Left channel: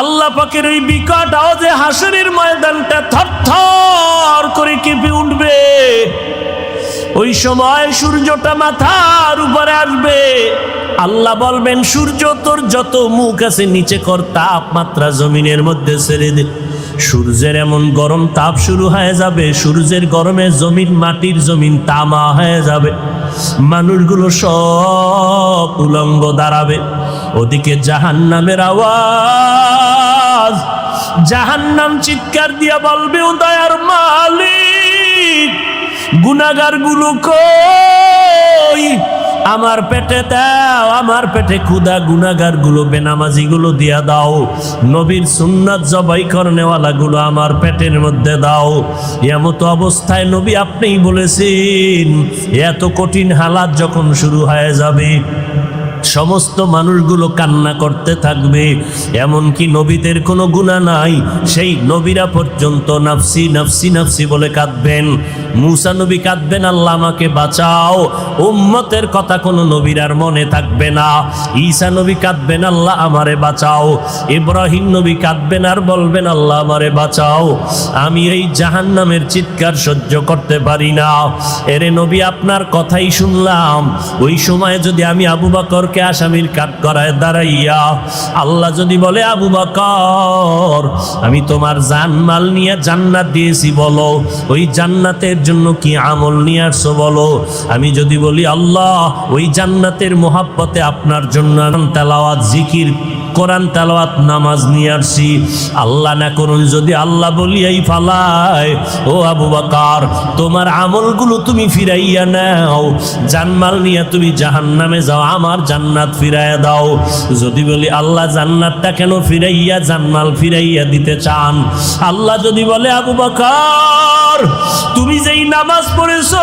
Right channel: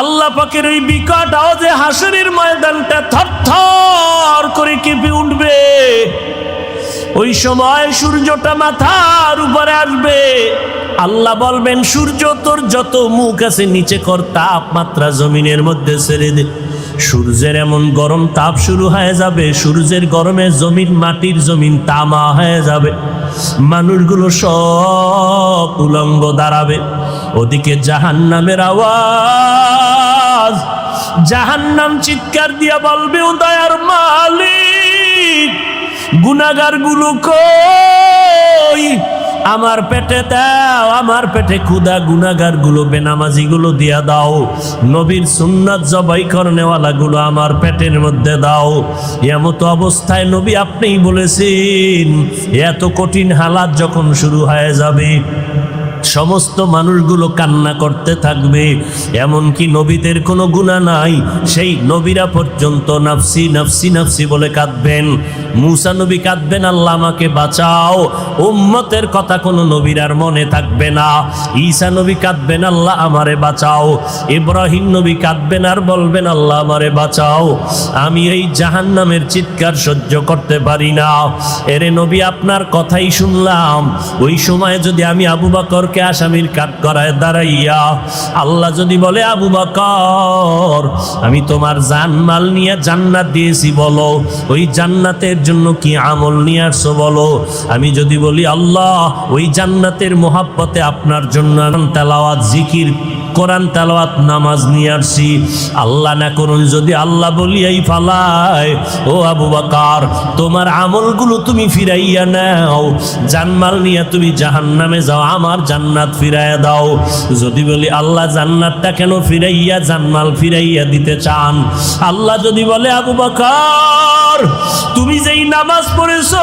আল্লাহ পাকের ওই বিকট আওয়াজে হাসরের ময়দানটা থরথর করে কেঁপে উঠবে। ওই সময় সূর্যটা মাথার উপরে আসবে। আল্লাহ বলবেন, সূর্য তোর যত মুখ আছে নিচে কর, তাপমাত্রা জমিনের মধ্যে ছেড়ে দে। সূর্যের এমন গরম তাপ শুরু হয়ে যাবে, সূর্যের গরমে জমিন, মাটির জমিন তামা হয়ে যাবে। মানুষগুলো সব উলঙ্গ দাঁড়াবে। ওদিকে জাহান্নামের আওয়াজ, জাহান্নাম চিৎকার দিয়া বলবে, ও দয়ার মালিক, গুনাহগার গুলো কই? আমার পেটে দাও, আমার পেটে ক্ষুধা, গুনাহগার গুলো, বেনামাজি গুলো দিয়া দাও। নবীর সুন্নাত জবাই করনেওয়ালা গুলো আমার পেটের মধ্যে দাও। এমত অবস্থায় নবী আপনিই বলেছেন, এত কঠিন হালাত যখন শুরু হয়ে যাবে, সমস্ত মানুষগুলো কান্না করতে থাকবে। এমনকি নবীদের কোনো গুনাহ নাই, সেই নবীরা পর্যন্ত নাফসি নাফসি নাফসি বলে কাঁদবেন। মুসা নবী কাঁদবেন, আল্লাহ আমাকে বাঁচাও। উম্মতের কথা কোনো নবীর আর মনে থাকবে না। ঈসা নবী কাঁদবেন, আল্লাহ আমারে বাঁচাও। ইব্রাহিম নবী কাঁদবেন আর বলবেন, আল্লাহ আমারে বাঁচাও, আমি এই জাহান্নামের চিৎকার সহ্য করতে পারি না। এরে নবী, আপনার কথাই শুনলাম। ওই সময় যদি আমি আবু বকর আসামির কাঠ করায় দাঁড়াইয়া আল্লাহ যদি বলে, আবু বকর আমি তোমার জানমাল নিয়ে জান্নাত দিয়েছি, বলো ওই জান্নাতের জন্য কি আমল নিয়ে আসছো বলো। আমি যদি বলি, আল্লাহ ওই জান্নাতের মোহাব্বতে আপনার জন্য তেলাওয়াত, জিকির, কোরআন তেলাওয়াত, নামাজ নিয়ে আসছি, আল্লাহ না করুন যদি আল্লাহ বলিয়াই ফালায়, ও আবু বকর তোমার আমলগুলো তুমি ফিরাইয়া নাও, জানমাল নিয়ে তুমি জাহান্নামে যাও, আমার জান্নাত ফিরাইয়া দাও। যদি বলি, আল্লাহ জান্নাতটা কেন ফিরাইয়া, জানমাল ফিরাইয়া দিতে চান, আল্লাহ যদি বলে, আবু বকর তুমি যেই নামাজ পড়েছো,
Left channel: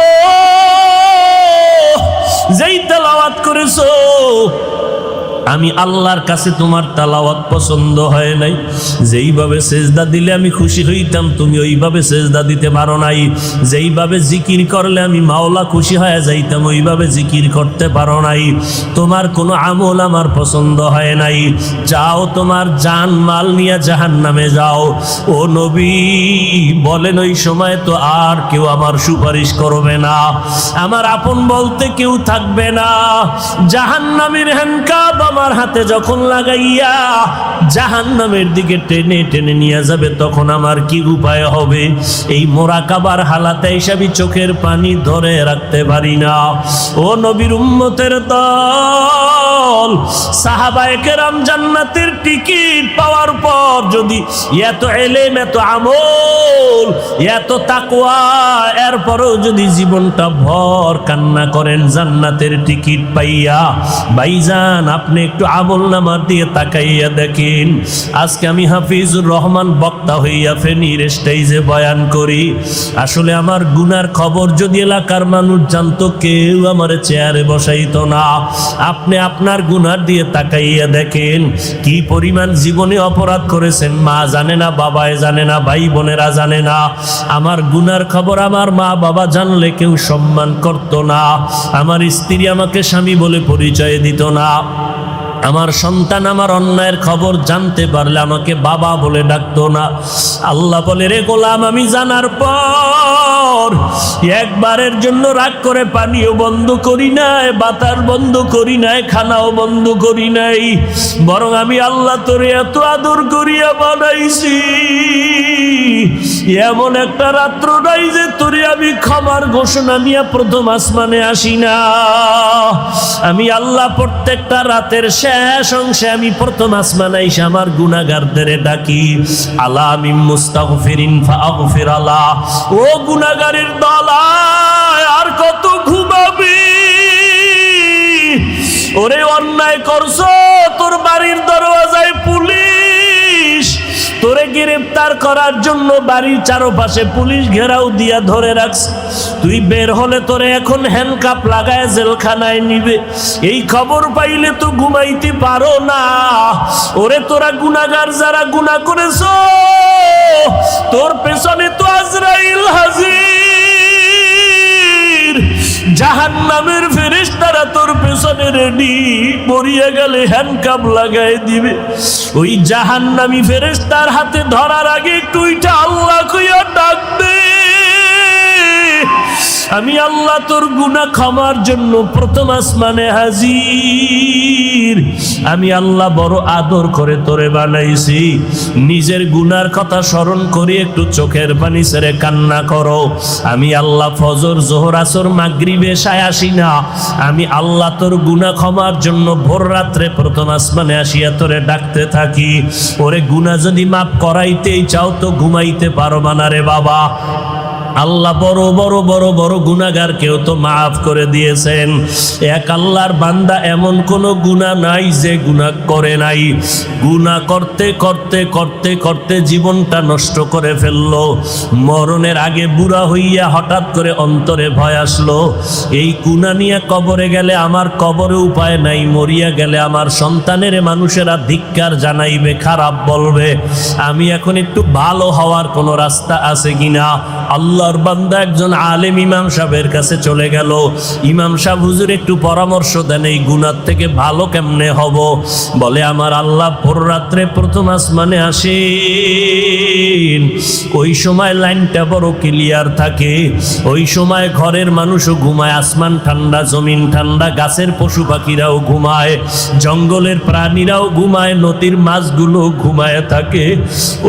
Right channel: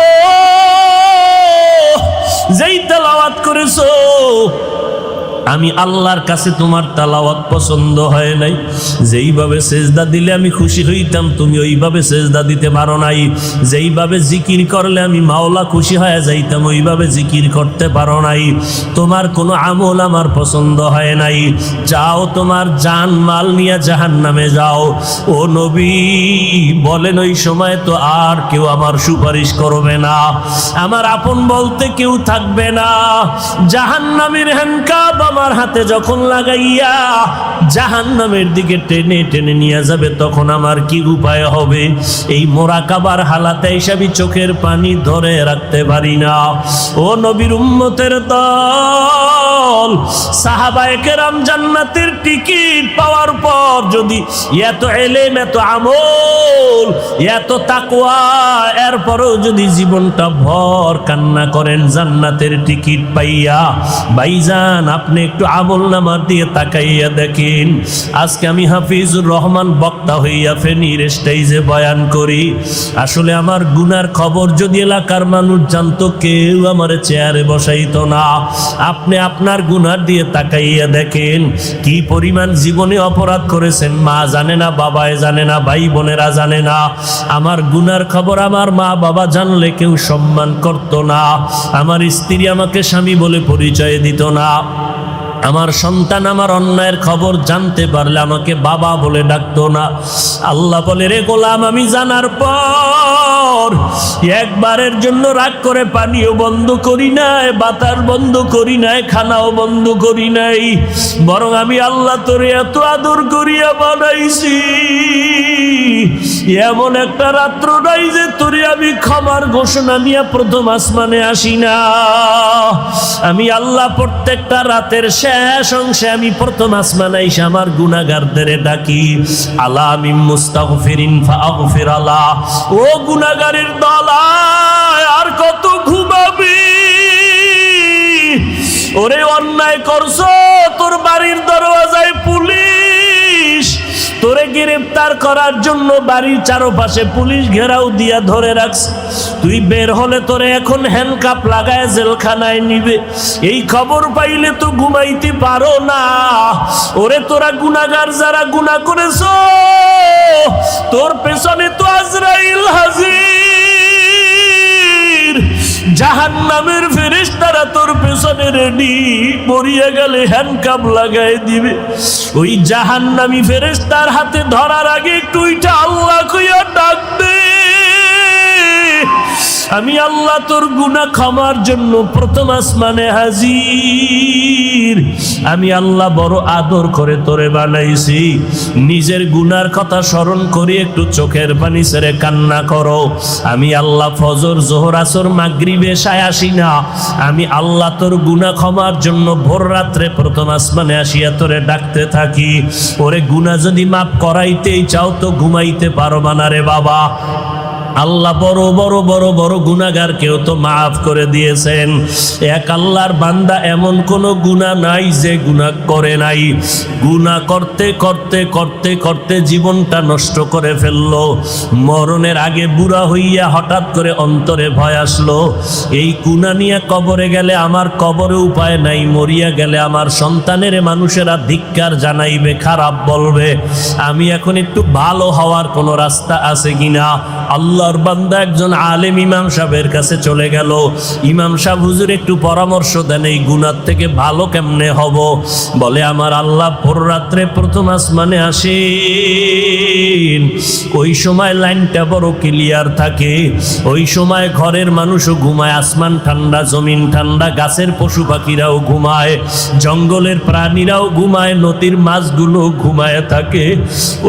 যেই তেলাওয়াত করেছো, আমি আল্লাহর কাছে তোমার তেলাওয়াত পছন্দ হয় নাই। যেইভাবে সেজদা দিলে আমি খুশি হইতাম, তুমি ওইভাবে সেজদা দিতে পারো নাই। যেইভাবে জিকির করলে আমি মাওলা খুশি হয়ে যাইতাম, ওইভাবে জিকির করতে পারো নাই। তোমার কোনো আমল আমার পছন্দ হয় নাই। যাও, তোমার জান মাল নিয়ে জাহান্নামে যাও। ও নবী বলেন, ওই সময় তো আর কেউ আমার সুপারিশ করবে না, আমার আপন বলতে কেউ থাকবে না। জাহান্নামের হ্যান্ডকাপ আমার হাতে যখন লাগাইয়া জাহান্নামের দিকে টেনে টেনে নিয়ে যাবে, তখন আমার কি উপায় হবে? এই মোরাকাবার হালাতে হিসাবে চোখের পানি ধরে রাখতে পারি না। ও নবীর উম্মতের দল, সাহাবায়ে কেরাম জান্নাতের টিকিট পাওয়ার পর যদি এত ইলম, এত আমল, এত তাকওয়া, এরপরেও যদি জীবনটা ভর কান্না করেন জান্নাতের টিকিট পাইয়া, ভাইজান আপনি একটু আমল নামার দিয়ে তাকাইয়া দেখেন। আজকে আমি হাফিজুর রহমান বক্তা হইয়া ফেনীর স্টেজে বয়ান করি, আসলে আমার গুনার খবর যদি এলাকার মানুষ জানতো, কেউ আমার চেয়ারে বসাইতো না। আপনি আপনার গুনার দিয়ে তাকাইয়া দেখেন, কি পরিমাণ জীবনে অপরাধ করেছেন, মা জানে না, বাবায় জানে না, ভাই বোনেরা জানে না। আমার গুনার খবর আমার মা বাবা জানলে কেউ সম্মান করতো না, আমার স্ত্রী আমাকে স্বামী বলে পরিচয় দিত না, আমার সন্তান আমার অন্যায়ের খবর জানতে পারলে আমাকে বাবা বলে ডাকতো না। আল্লাহ বলে, রে গোলাম, আমি জানার পর একবারের জন্য রাগ করে পানিও বন্ধ করি নাই, বাতাস বন্ধ করি নাই, খানাও বন্ধ করি নাই, বরং আমি আল্লাহ তোরে এত আদর করিয়া বানাইছি, এমন একটা রাত্র নাই যে তোরে আমি ক্ষমার ঘোষণা নিয়ে প্রথম আসমানে আসি না। আমি আল্লাহ প্রত্যেকটা রাতের শেষ অংশে আমি প্রথম আসমানে এসে আমার গুনাহগারদের ডাকি, আলা মিন মুস্তাগফিরিন ফাগফির আলা। ও গুনাহগারের দল, আর কত ঘুমাবে? ওরে অন্যায় করছো, তোর বাড়ির দরওয়াজায় পুলিশ, তোরে গ্রেফতার করার জন্য বাড়ির চারপাশে পুলিশ ঘেরাও দিয়া ধরে রাখছে। তুই বের হলে তোরে এখন হ্যান্ডকাপ লাগায় জেলখানায় নিবে। এই খবর পাইলে তো ঘুমাইতে পারো না। ওরে তোরা গুনাহগার যারা গুনাহ করেছো, তোর পেছনে তো আজরাইল হাজির। জাহান্নামের ফেরেশতারা তোর পেছনে রেডি, মরিয়া গেলে হ্যান্ডকাপ লাগাই দিবে। ওই জাহান্নামী ফেরেশতার হাতে ধরার আগে তুইটা আল্লাহ কইয়া ডাকবে, আমি আল্লাহ তোর গুনাহ ক্ষমার জন্য প্রথম আসমানে হাজির। আমি আল্লাহ বড় আদর করে তোরে বানাইছি, নিজের গুনার কথা স্মরণ করে একটু চোখের পানি ছেড়ে কান্না করো। আমি আল্লাহ ফজর জোহর আসর মাগরিব এশায় আসি না, আমি আল্লাহ তোর গুনাহ ক্ষমার জন্য ভোর রাত্রে প্রথম আসমানে আসিয়া তোরে ডাকতে থাকি। ওরে গুনাহ যদি মাফ করাইতেই চাও তো ঘুমাইতে পারবা না রে বাবা। আল্লাহ বড় বড় বড় বড় গুনাহগার কেউ তো মাফ করে দিয়েছেন। এক আল্লাহর বান্দা এমন কোন গুনাহ নাই যে গুনাহ করে নাই। গুনাহ করতে করতে করতে করতে জীবনটা নষ্ট করে ফেললো। মরণের আগে বুড়া হইয়া হঠাৎ করে অন্তরে ভয় আসলো, এই গুনাহ নিয়ে কবরে গেলে আমার কবরে উপায় নাই, মরিয়া গেলে আমার সন্তানের মানুষেরা ধিক্কার জানাইবে, খারাপ বলবে। আমি এখন একটু ভালো হওয়ার কোন রাস্তা আছে কিনা? আল্লাহর বান্দা একজন আলেম ইমাম সাহেবের কাছে চলে গেল। ইমাম সাহেব, হুজুর একটু পরামর্শ দেন, এই গুনাহ থেকে ভালো কেমনে হব? বলে, আমার আল্লাহ ভোর রাত্রে প্রথম আসমানে আসেন, ওই সময় লাইনটা বড় ক্লিয়ার থাকে, ওই সময় ঘরের মানুষও ঘুমায়, আসমান ঠান্ডা, জমিন ঠান্ডা, গাছের পশু পাখিরাও ঘুমায়, জঙ্গলের প্রাণীরাও ঘুমায়, নদীর মাছগুলো ঘুমায় থাকে।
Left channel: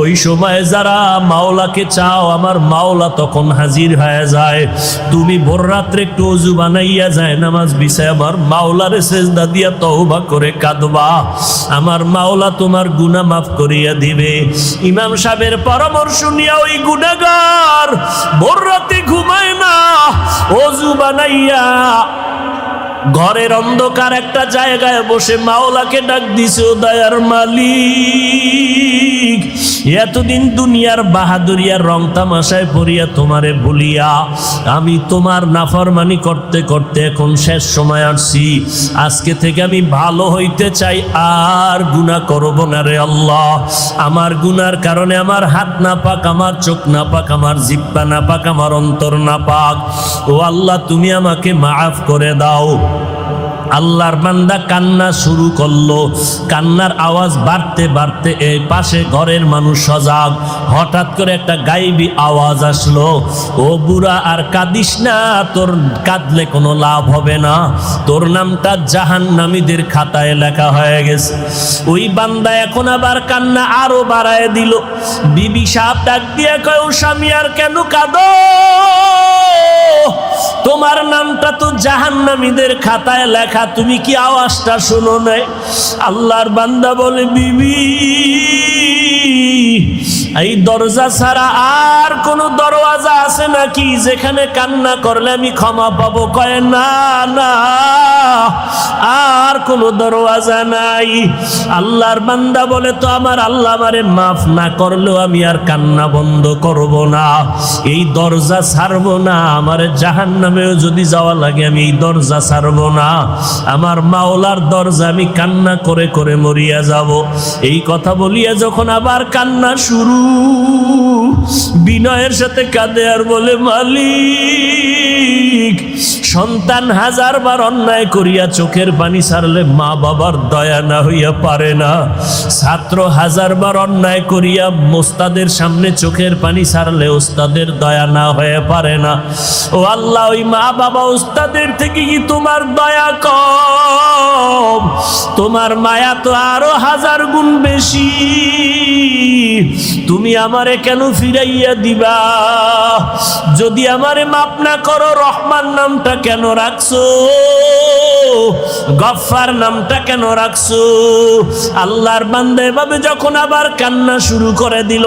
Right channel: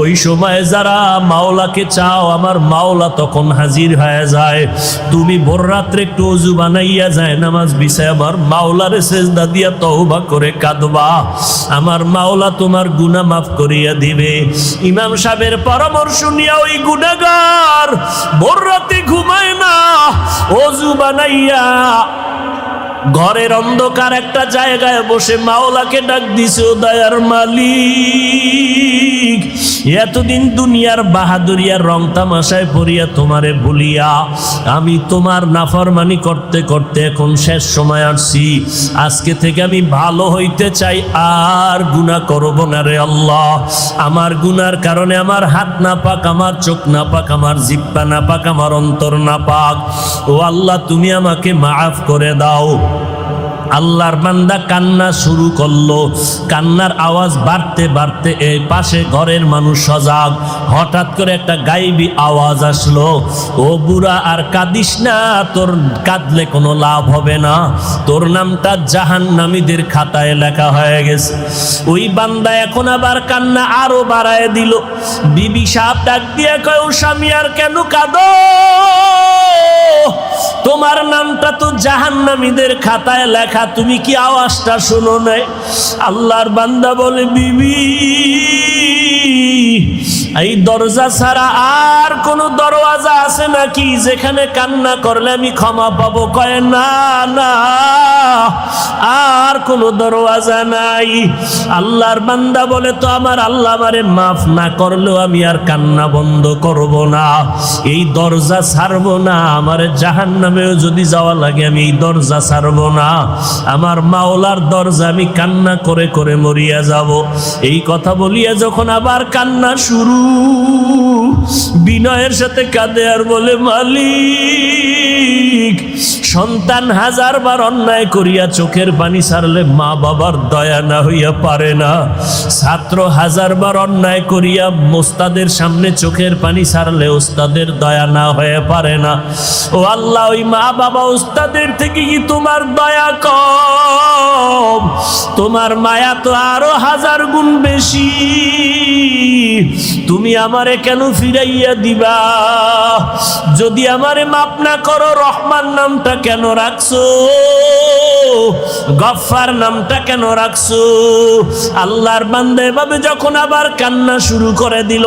ওই সময় যারা মাওলাকে চাও, আমার মাওলা তখন হাজির হয়ে যায়। তুমি ভোর রাত্রে একটু ওযু বানাইয়া যায় নামাজ বিছায় আমার মাওলারে সিজদা দিয়া তওবা করে কাঁদবা, আমার মাওলা তোমার গুনাহ মাফ করিয়া দিবে। ইমাম সাহেবের পরামর্শ নিয়ে ওই গুনাহগার ভোর রাতে ঘুমায় না, ওযু বানাইয়া ঘরের অন্ধকার একটা জায়গায় বসে মাওলাকে ডাক দিছে, দয়ার মালিক, এতদিন দুনিয়ার বাহাদুরিয়ার রং তামাশায় পড়িয়া তোমারে ভুলিয়া আমি তোমার নাফরমানি করতে করতে এখন শেষ সময় আসছি। আজকে থেকে আমি ভালো হইতে চাই, আর গুনাহ করব না রে আল্লাহ। আমার গুনার কারণে আমার হাত না পাক, আমার চোখ না পাক, আমার জিহ্বা না পাক, আমার অন্তর না পাক। ও আল্লাহ, তুমি আমাকে মাফ করে দাও। আল্লাহর বান্দা কান্না শুরু করলো। কান্নার আওয়াজ বাড়তে বাড়তে এই পাশে ঘরের মানুষ সজাগ। হঠাৎ করে একটা গায়েবী আওয়াজ আসলো, ও বুড়া আর কাঁদিস না, তোর কাঁদলে কোনো লাভ হবে না, তোর নামটা জাহান্নামীদের খাতায় লেখা হয়ে গেছে। ওই বান্দা এখন আবার কান্না আরো বাড়ায় দিল। বিবি সাহেব ডাক দিয়ে কও, স্বামী আর কেন কাঁদো? তোমার নামটা তো জাহান্নামীদের খাতায় লেখা, তুমি কি আওয়াজটা শোনো নাই? আল্লাহর বান্দা বলে, বিবি, এই দরজা ছাড়া আর কোন দরওয়াজা আছে নাকি যেখানে কান্না করলে আমি ক্ষমা পাবো? কয়, না না, আর কোন দরওয়াজা নাই। আল্লাহর বান্দা বলে, তো আমার আল্লাহ আমারে মাফ না করলে আমি আর কান্না বন্ধ করব না, এই দরজা ছাড়বো না, আমারে জাহান্নামেও যদি যাওয়া লাগে আমি এই দরজা ছাড়বো না, আমার মাওলার দরজা আমি কান্না করে করে মরিয়া যাব। এই কথা বলিয়া যখন আবার কান্না শুরু, বিনয়ের সাথে কাঁদে আর বলে, মালিক, সন্তান হাজারবার অন্যায় করিয়া চোখের পানি ছাড়লে মা বাবার দয়া না হইয়া পারে না, ছাত্র হাজারবার অন্যায় করিয়া ওস্তাদের সামনে চোখের পানি ছাড়লে ওস্তাদের দয়া না হয়ে পারে না। ও আল্লাহ, ওই মা বাবা ওস্তাদের থেকে কি তোমার দয়া কম? তোমার মায়া তো আরো 1000 গুণ বেশি। তুমি আমারে কেন ফিরাইয়া দিবা? যদি আমারে মাফ না করো, রহমান নামটা কেন রাখছো? গফফার নামটা কেন রাখছো? আল্লাহর বান্দা এভাবে যখন আবার কান্না শুরু করে দিল,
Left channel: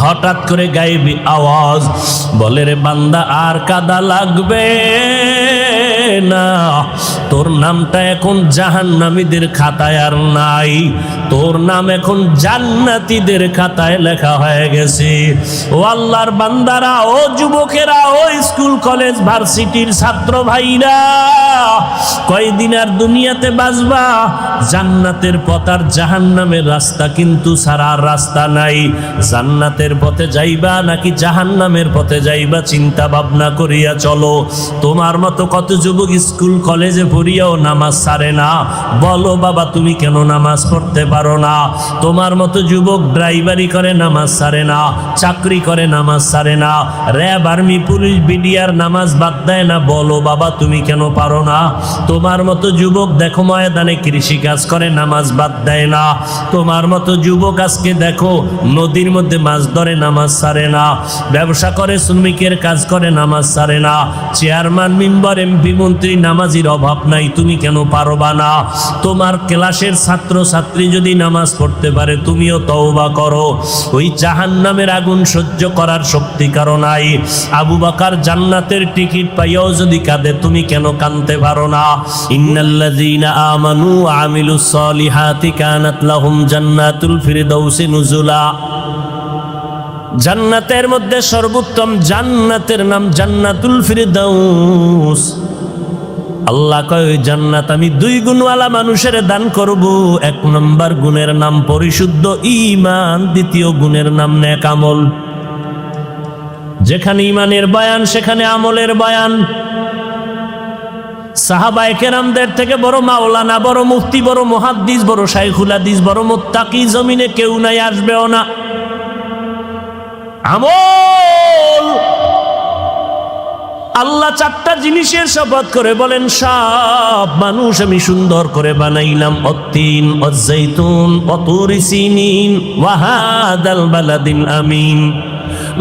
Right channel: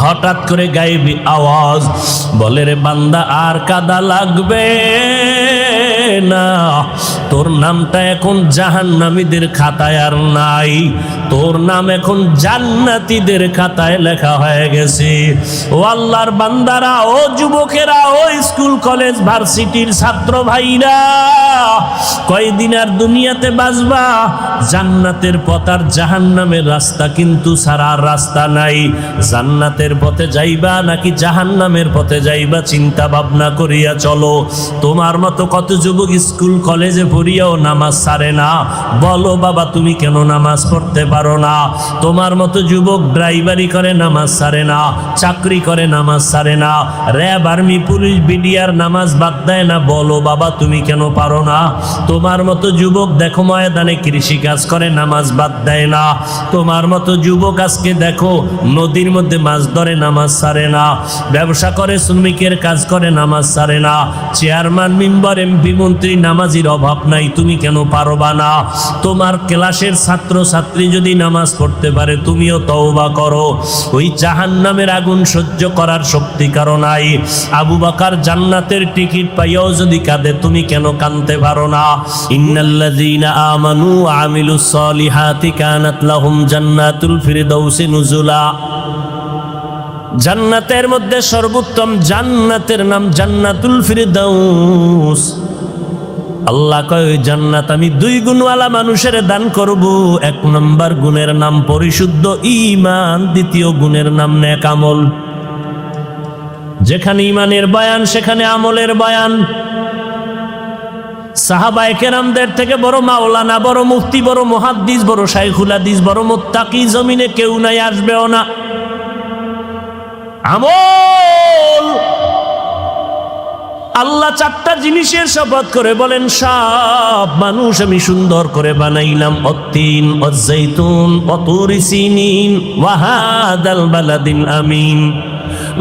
হঠাৎ করে গায়েবী আওয়াজ বলে, রে বান্দা, আর কাদা লাগবে না, তোর নামটা এখন জাহান্নামীদের খাতায় আর নাই, তোর নাম এখন জান্নাতীদের খাতায় লেখা হয়ে গেছে। ও আল্লাহর বান্দারা, ও যুবকেরা, ও স্কুল কলেজ ভার্সিটির ছাত্র ভাইরা, যেদিন আর দুনিয়াতে বাঁচবা, জান্নাতের পথ আর জাহান্নামের রাস্তা কিন্তু ছাড়ার রাস্তা নাই। জান্নাতের পথে যাইবা নাকি জাহান্নামের পথে যাইবা চিন্তা ভাবনা করিয়া চলো। তোমার মতো কত যুবক স্কুল কলেজে পড়িয়াও নামাজ ছাড়ে না। বলো বাবা তুমি কেন নামাজ পড়তে পারো না? তোমার মতো যুবক ড্রাইভারি করে নামাজ ছাড়ে না, চাকরি করে নামাজ ছাড়ে না, র্যাব আর্মি পুলিশ বিডিআর নামাজ বাদ দেয় না। বলো বাবা তুমি কেন পারো না? তোমার মতো যুবক দেখো ময়দানে কৃষি কাজ করে নামাজ বাদ দেয় না। তোমার মতো যুবক আজকে দেখো নদীর মধ্যে মাছ ধরে নামাজ ছাড়ে না, ব্যবসা করে শ্রমিকের কাজ করে নামাজ ছাড়ে না। চেয়ারম্যান মেম্বার এমপি মন্ত্রী নামাজির অভাব নাই, তুমি কেন পারবা না? তোমার ক্লাসের ছাত্র ছাত্রী যদি নামাজ পড়তে পারে তুমিও তওবা করো। ওই জাহান্নামের আগুন সহ্য করার শক্তি কারো নাই। আবু বকর জান্নাতের টিকিট পাইয়াও যদি কাঁদে তুমি কেন কাঁদতে পারো না? ইন্নাল্লাযীনা আমানু ওয়া আমিলুস সালিহাতি কানাত লাহুম জান্নাতুল ফিরদাউসি নুজুলা। জান্নাতের মধ্যে সর্বোত্তম জান্নাতের নাম জান্নাতুল ফিরদাউস। আল্লাহ কয় ওই জান্নাত আমি 2 গুণওয়ালা মানুষের দান করব। 1 নম্বর গুণের নাম পরিশুদ্ধ ঈমান, দ্বিতীয় গুণের নাম নেক আমল। যেখানে ঈমানের বয়ান সেখানে আমলের বয়ান। সাহাবায়ে কেরামদের থেকে বড় মাওলানা, বড় মুফতি, বড় মুহাদ্দিস, বড় শাইখুল হাদিস, বড় মুত্তাকি জমিনে কেউ নাই, আসবেও না। আমল। আল্লাহ 4টা জিনিসের শপথ করে বলেন, সব মানুষ আমি সুন্দর করে বানাইলাম। অত্তিন ওয়াজ্জাইতুন ওয়া তুরি সিনিন ওয়া হাদাল বালাদিল আমিন।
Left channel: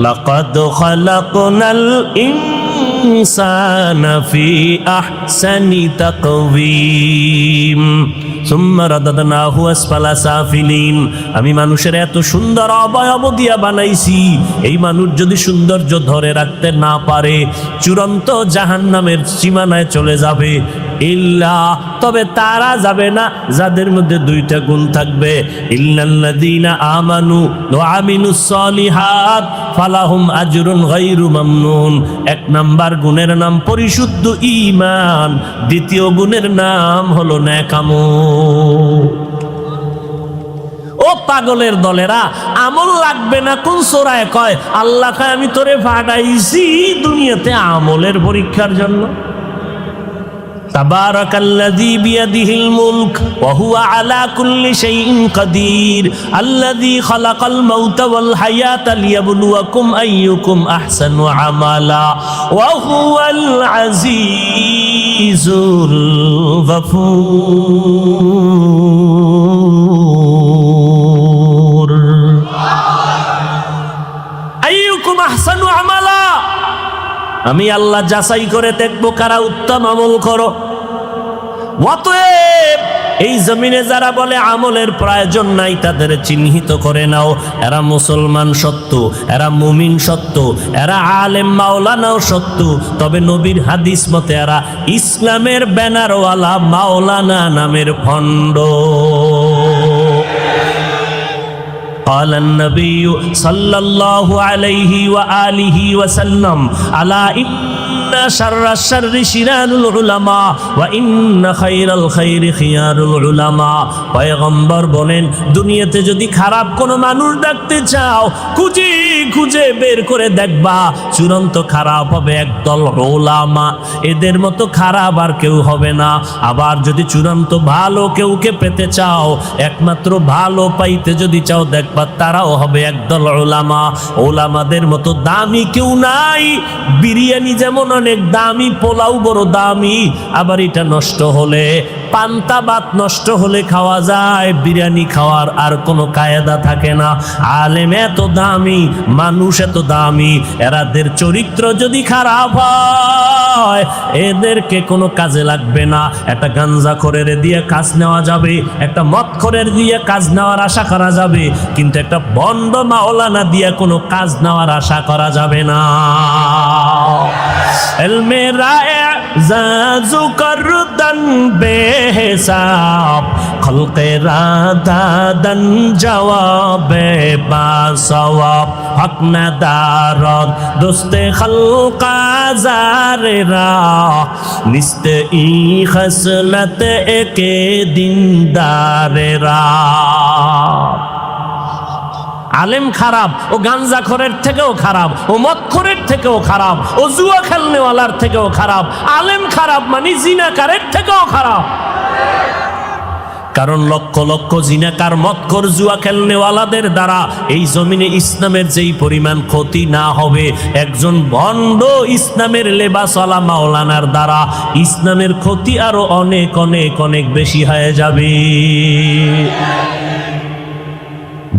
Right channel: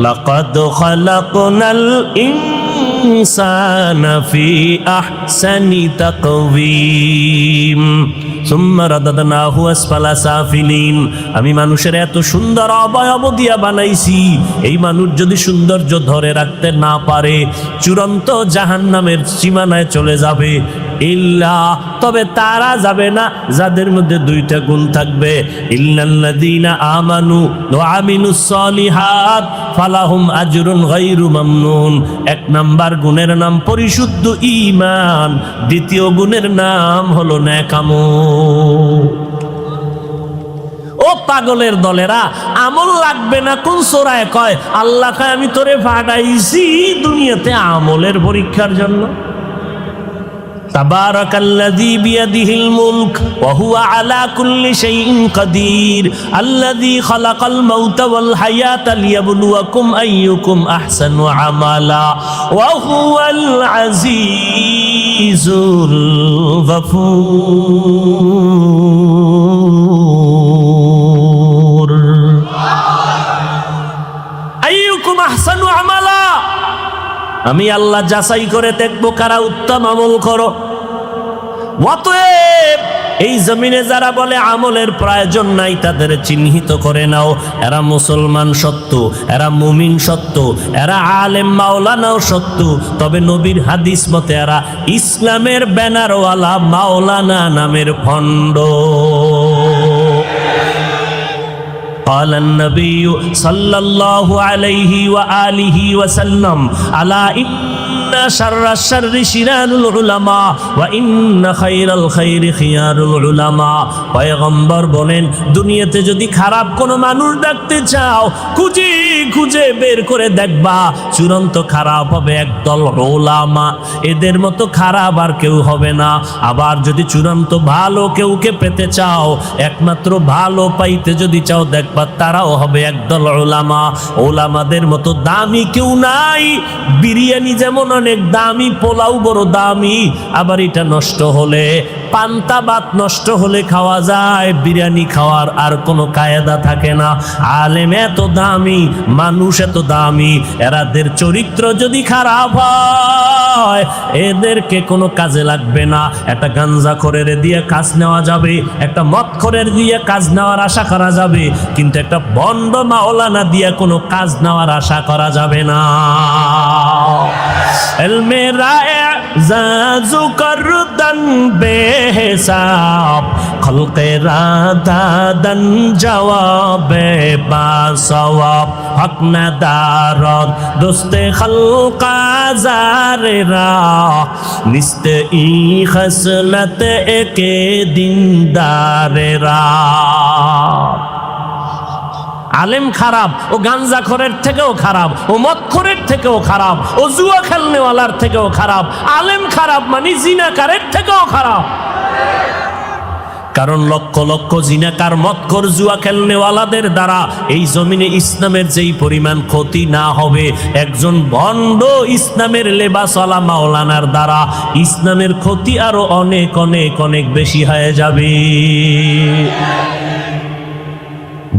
লাকাদ খালাকনাল ইনসানা ফি আহসানি তাকওয়িম সুম্মা রাদাদনাহু আসফালা সাফিলিন। আমি মানুষের এত সুন্দর অবয়ব দিয়া বানাইছি, এই মানুষ যদি সৌন্দর্য ধরে রাখতে না পারে চূড়ান্ত জাহান্নামের সীমানায় চলে যাবে। ইল্লা, তবে তারা যাবে না যাদের মধ্যে 2টা গুণ থাকবে। ইল্লাল্লাযীনা আমানু ওয়া আমিলুস সালিহাত ফালাহুম আজরুন গায়রু মামনুন। 1 নাম্বার গুণের নাম পরিশুদ্ধ ঈমান, দ্বিতীয় গুণের নাম হলো নেক আমল। ও পাগলের দলেরা, আমল লাগবে না কোন সূরায় কয়? আল্লাহ কয় আমি তোরে পাঠাইছি দুনিয়াতে আমলের পরীক্ষার জন্য। তাবারাকাল্লাযী বিয়াদিহিল মুলক ওয়া হুয়া আলা কুল্লি শাইইন কাদির আল্লাযী খালাকাল মাউতা ওয়াল হায়াতা লিয়াবলুয়াকুম আইয়ুকুম আহসানু আমালা ওয়া হুয়াল আজিজুল গফুর। আইয়ুকুম আহসানু আমালা, আমি আল্লাহ যাচাই করে দেখবো কারা উত্তম আমল করো। অতএব এই জমিনে যারা বলে আমলের প্রয়োজন নাই তাদের চিহ্নিত করে নাও। এরা মুসলমান সত্য, এরা মুমিন সত্য, এরা আলেম মাওলানাও সত্য, তবে নবীর হাদিস মতে এরা ইসলামের ব্যানারওয়ালা মাওলানা নামের ভণ্ড। قال النبي صلى الله عليه وآله وسلم ألا إن شر الشر شرار العلماء وإن خير الخير خيار العلماء। পয়গম্বর বলেন, দুনিয়াতে যদি খারাপ কোনো মানুষ দেখতে চাও খুঁজে খুঁজে বের করে দেখবা চূড়ান্ত খারাপ হবে একদল উলামা। এদের মতো খারাপ আর কেউ হবে না। আবার যদি চূড়ান্ত ভালো কেউকে পেতে চাও, একমাত্র ভালো পাইতে যদি চাও দেখবা তারাও হবে একদল উলামা। উলামাদের মতো দামি কেউ নাই। বিরিয়ানি যেমন অনেক দামি, পোলাও বড় দামি, আবার এটা নষ্ট হলে, পান্তা ভাত নষ্ট হলে খাওয়া যায়, বিরিয়ানি খাওয়ার আর কোনো কায়দা থাকে না। আলেম এত দামি, মানুষ এত দামি, এরাদের চরিত্র যদি খারাপ হয় এদেরকে কোনো কাজে লাগবে না। একটা গাঞ্জাখোরের দিয়ে কাজ নেওয়া যাবে, একটা মদখোরের দিয়ে কাজ নেওয়ার আশা করা যাবে, কিন্তু একটা ভণ্ড মাওলানা দিয়ে কোনো কাজ নেওয়ার আশা করা যাবে না। ইলমে রায়ে জাজু করদান বেহিসাব খলকে রাদাদান জওয়াবে বাজ সওয়াব হক না দারদ দোস্তে খলকা জারেরা নিস্তে ই খসলত একে দিনদারেরা। আলেম খারাপ, ও গাঞ্জাখোরের থেকেও খারাপ, ও মদখোরের থেকেও খারাপ, ও জুয়া খেলনেওয়ালার থেকেও খারাপ। আলেম খারাপ মানে জিনাকারের থেকেও খারাপ। কারণ লক্ষ লক্ষ জিনাকার, মদখোর, জুয়া খেলনেওয়ালাদের দ্বারা এই জমিনে ইসলামের যেই পরিমাণ ক্ষতি না হবে, একজন ভণ্ড ইসলামের লেবাসওয়ালা মাওলানার দ্বারা ইসলামের ক্ষতি আরো অনেক অনেক অনেক বেশি হয়ে যাবে।